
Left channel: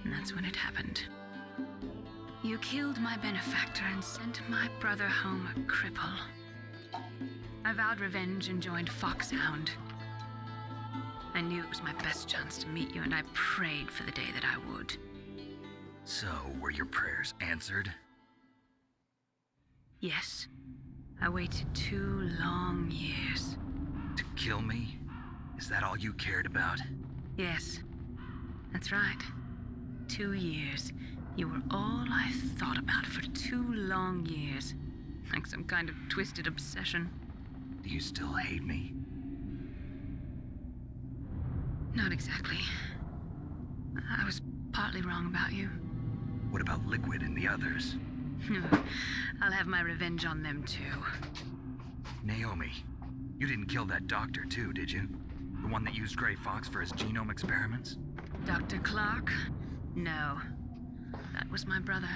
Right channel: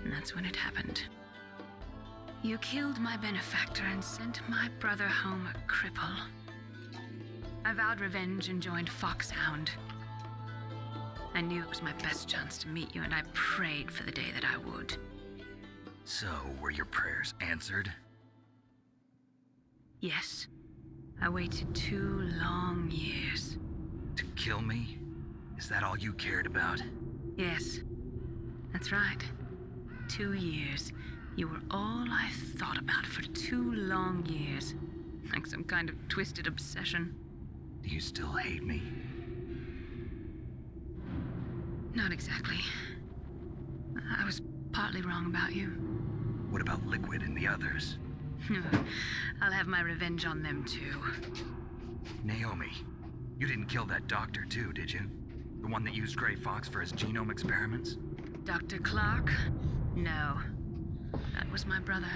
And that's when it happened. You killed my benefactor and sent my brother home a cripple. I vowed revenge and joined Foxhound. I knew it was my best chance to meet you, and I prayed for the day that I would. So, were your prayers answered? Yes. I waited 2 long years. To kill me? Is that all you cared about? Yes. That's right. 2 years. You were all I thought about for 2 long years. Like some kind of twisted obsession. Do you still hate me? Not exactly. I was partly wrong about you. What about Liquid and the others? I'll have my revenge on them too. Naomi, you didn't kill that doctor too, did you? The one that used Gray Fox for his genome experiments? Dr. Clark? No. That was my brother.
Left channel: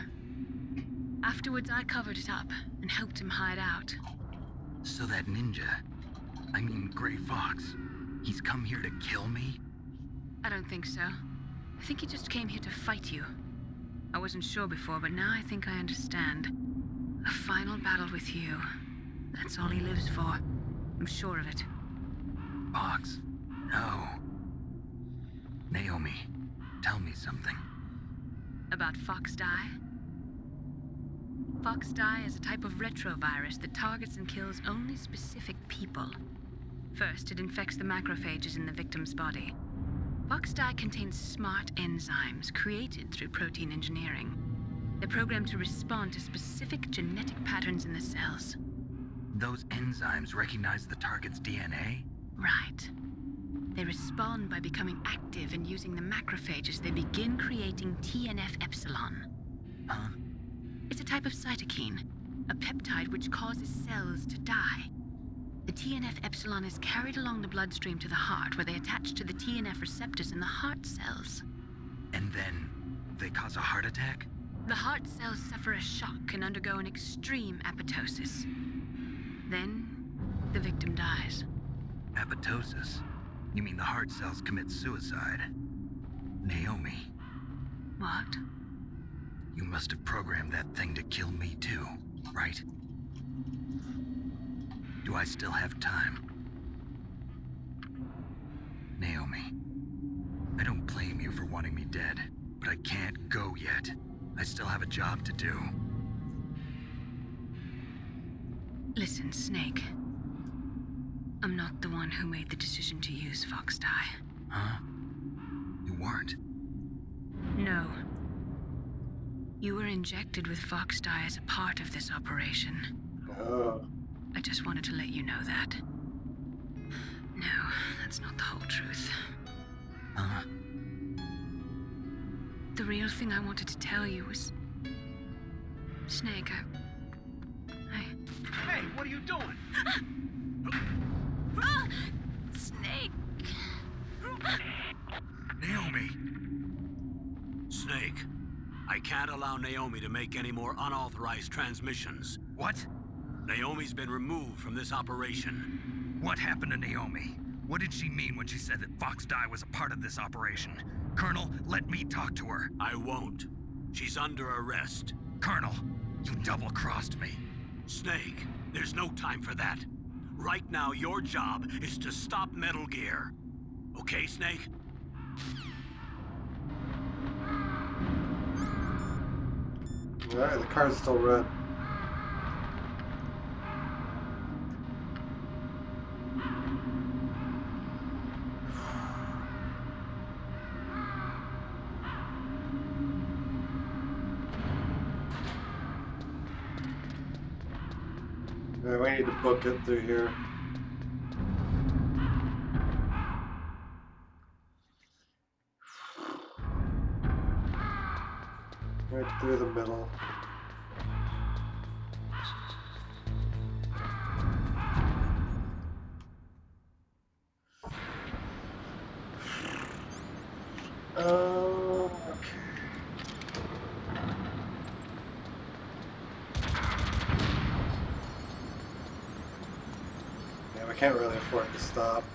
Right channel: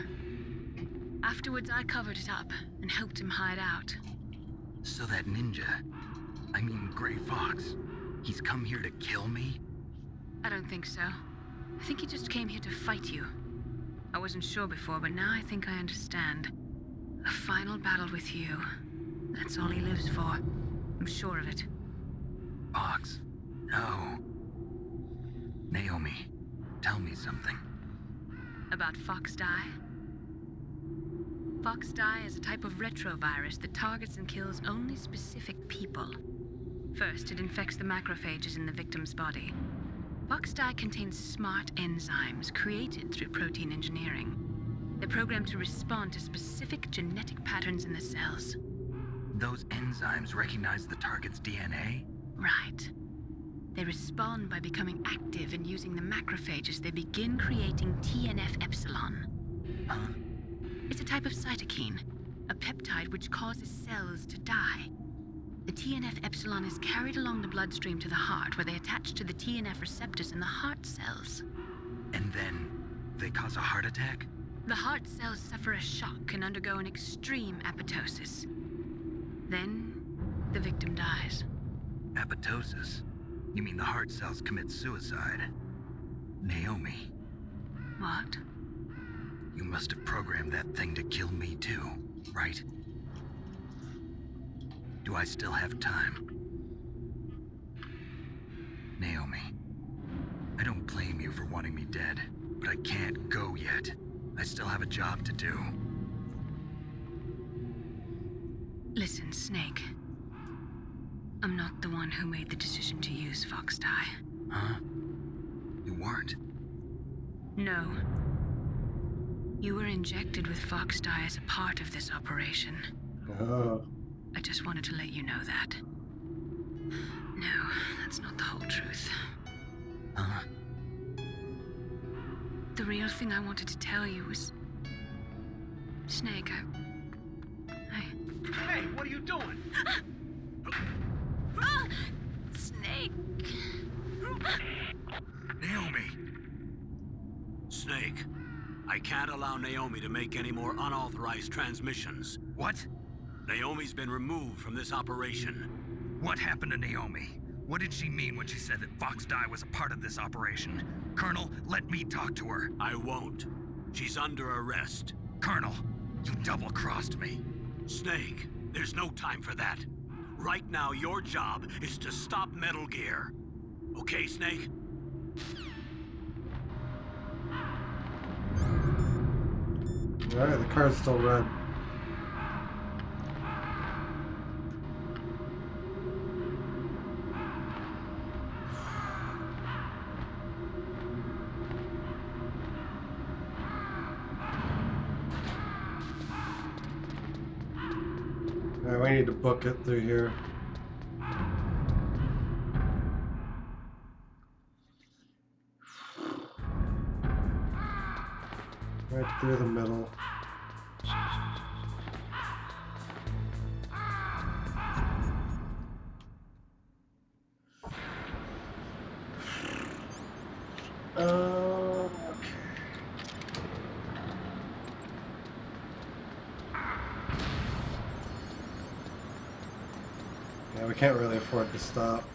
Afterwards, I covered it up and helped him hide out. So that ninja, I mean Gray Fox, he's come here to kill me? I don't think so. I think he just came here to fight you. I wasn't sure before, but now I think I understand. A final battle with you. That's all he lives for. I'm sure of it. Fox? No. Naomi, tell me something. About Fox Die? Fox Die is a type of retrovirus that targets and kills only specific people. First, it infects the macrophages in the victim's body. Fox Die contains smart enzymes created through protein engineering. They're programmed to respond to specific genetic patterns in the cells. Those enzymes recognize the target's DNA? Right. They respond by becoming active and using the macrophages. They begin creating TNF-epsilon. Huh? It's a type of cytokine, a peptide which causes cells to die. The TNF-epsilon is carried along the bloodstream to the heart, where they attach to the TNF receptors in the heart cells. And then they cause a heart attack? The heart cells suffer a shock and undergo an extreme apoptosis. Then, the victim dies. Apoptosis? You mean the heart cells commit suicide? Naomi, What? you must have programmed that thing to kill me too, right? Do I still have time? Naomi, I don't blame you for wanting me dead, but I can't go yet. I still have a job to do. Listen, Snake. I'm not the one who made the decision to use Fox dye. Huh? You weren't? No. You were injected with Fox dye as a part of this operation. Oh. I just wanted to let you know that. No, that's not the whole truth. Huh? The real thing I wanted to tell you was... Snake, Hey, what are you doing? Snake! Naomi! Snake, I can't allow Naomi to make any more unauthorized transmissions. What? Naomi's been removed from this operation. What happened to Naomi? What did she mean when she said that Fox dye was a part of this operation? Colonel, let me talk to her. I won't. She's under arrest. Colonel, you double-crossed me. Snake, there's no time for that. Right now, your job is to stop Metal Gear. Okay, Snake? Alright, the car's still red. Alright, we need to book it through here. Right through the middle. Okay. Yeah, we can't really afford to stop.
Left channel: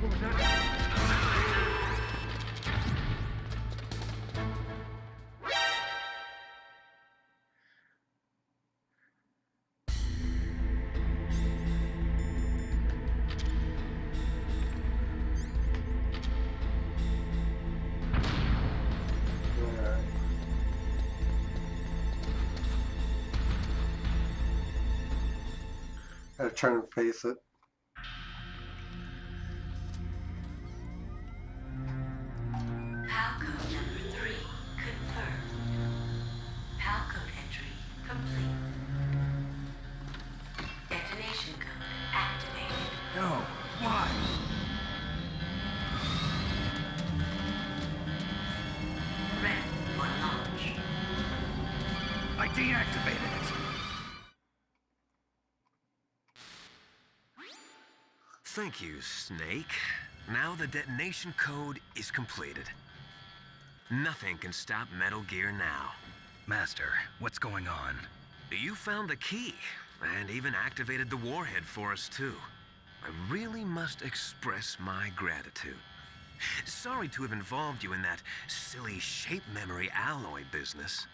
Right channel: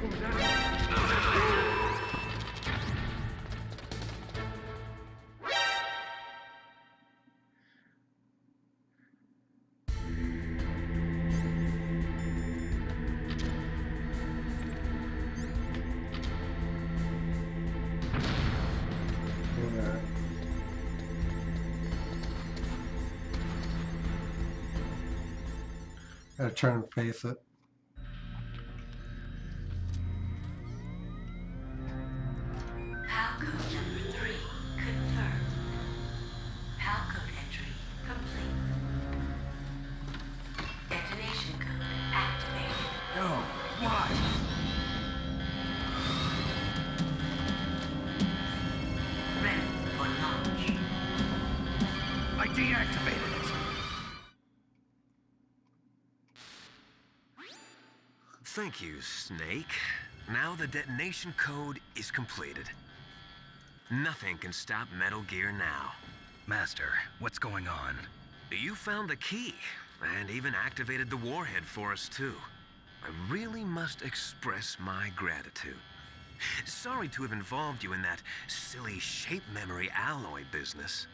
What was that? Alright. Gotta turn and face it. PAL code number 3 confirmed. PAL code entry complete. Detonation code activated. No, why? Ready for launch. I deactivated it. Thank you, Snake. Now the detonation code is completed. Nothing can stop Metal Gear now. Master, what's going on? You found the key, and even activated the warhead for us, too. I really must express my gratitude. Sorry to have involved you in that silly shape memory alloy business.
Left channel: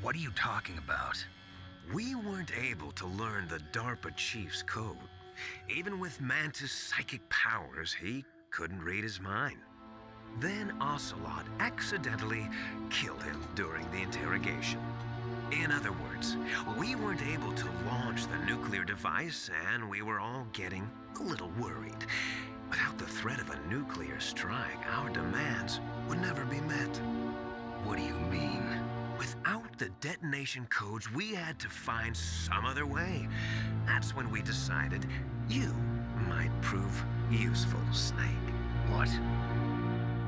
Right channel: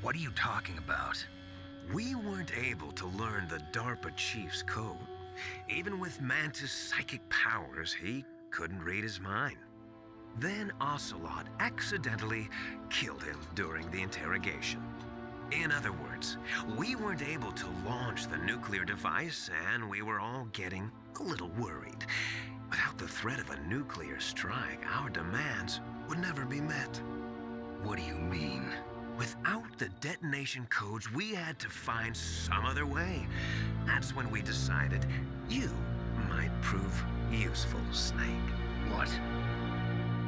What are you talking about? We weren't able to learn the DARPA chief's code. Even with Mantis' psychic powers, he couldn't read his mind. Then Ocelot accidentally killed him during the interrogation. In other words, we weren't able to launch the nuclear device, and we were all getting a little worried. Without the threat of a nuclear strike, our demands would never be met. What do you mean? Without the detonation codes, we had to find some other way. That's when we decided you might prove useful, Snake. What?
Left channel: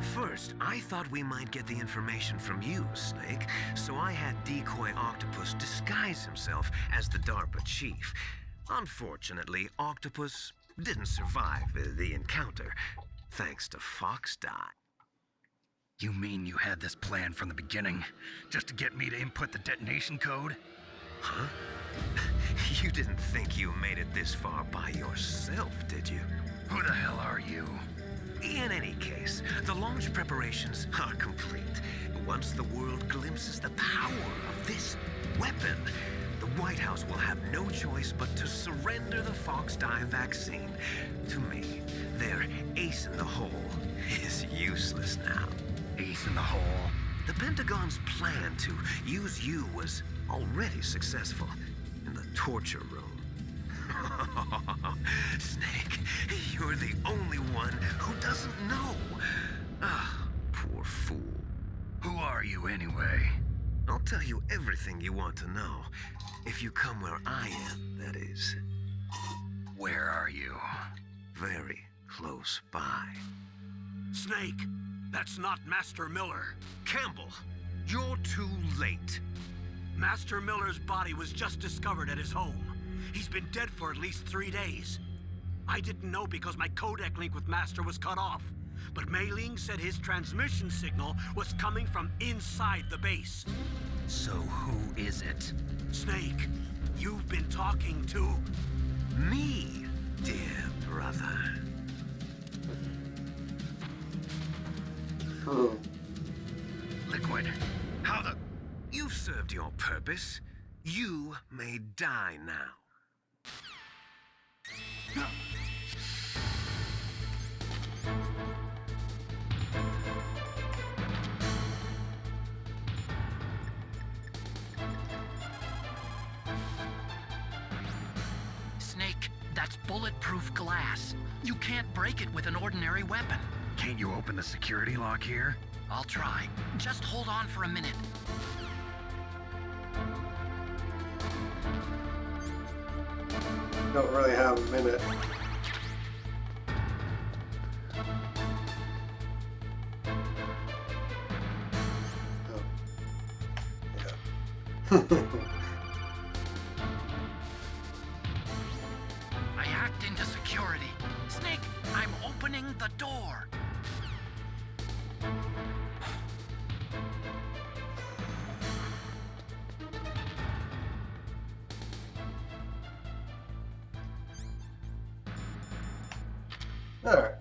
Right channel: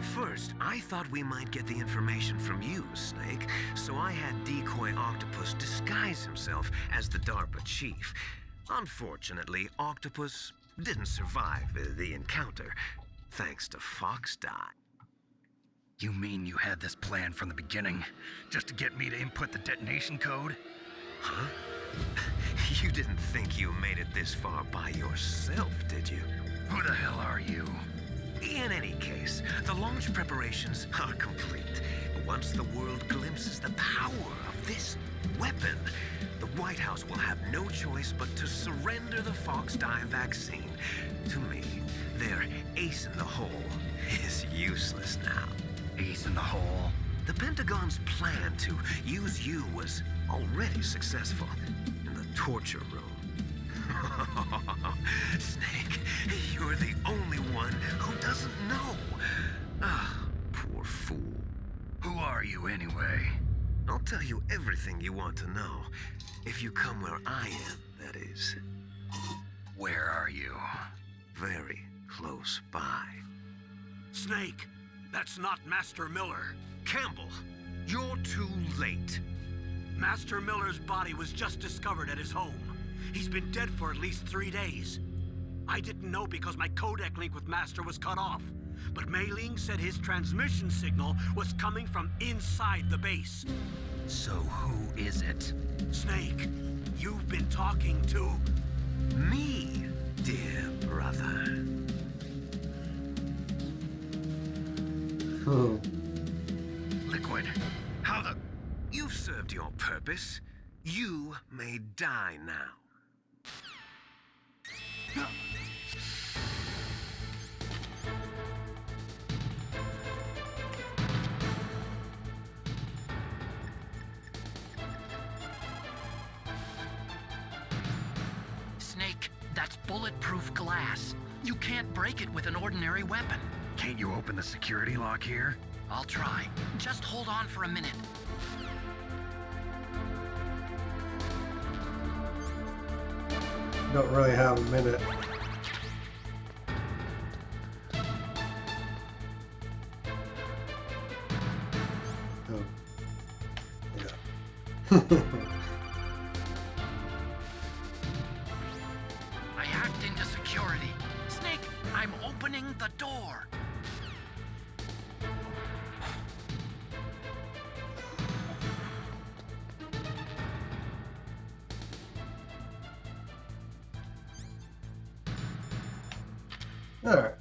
First, I thought we might get the information from you, Snake, so I had Decoy Octopus disguise himself as the DARPA chief. Unfortunately, Octopus didn't survive the encounter, thanks to Fox Die. You mean you had this plan from the beginning, just to get me to input the detonation code? Huh? You didn't think you made it this far by yourself, did you? Who the hell are you? In any case, the launch preparations are complete. Once the world glimpses the power of this weapon, the White House will have no choice but to surrender the Fox Die vaccine. To me, their ace in the hole is useless now. Ace in the hole? The Pentagon's plan to use you was already successful in the torture room. Snake, you're the only one who doesn't know. Ah, poor fool. Who are you anyway? I'll tell you everything you want to know. If you come where I am, that is. Where are you? Very close by. Snake, that's not Master Miller. Campbell, you're too late. Master Miller's body was just discovered at his home. He's been dead for at least 3 days. I didn't know because my codec link with Master was cut off. But Mei Ling said his transmission signal was coming from inside the base. So who is it? Snake, you've been talking to... Me, dear brother. Liquid, how the... You've served your purpose. You may die now. Snake, that's bulletproof glass. You can't break it with an ordinary weapon. Can't you open the security lock here? I'll try. Just hold on for a minute. Don't really have a minute. Oh. Yeah. I hacked into security. Snake, I'm opening the door. All right.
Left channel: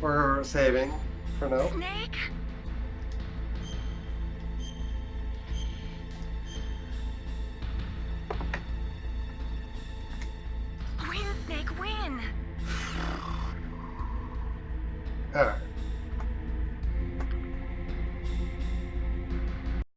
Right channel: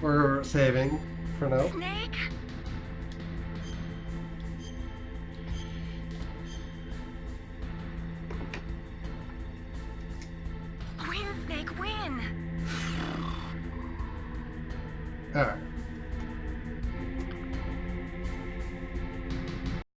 We're saving for now. Snake? Win, Snake, win! All right.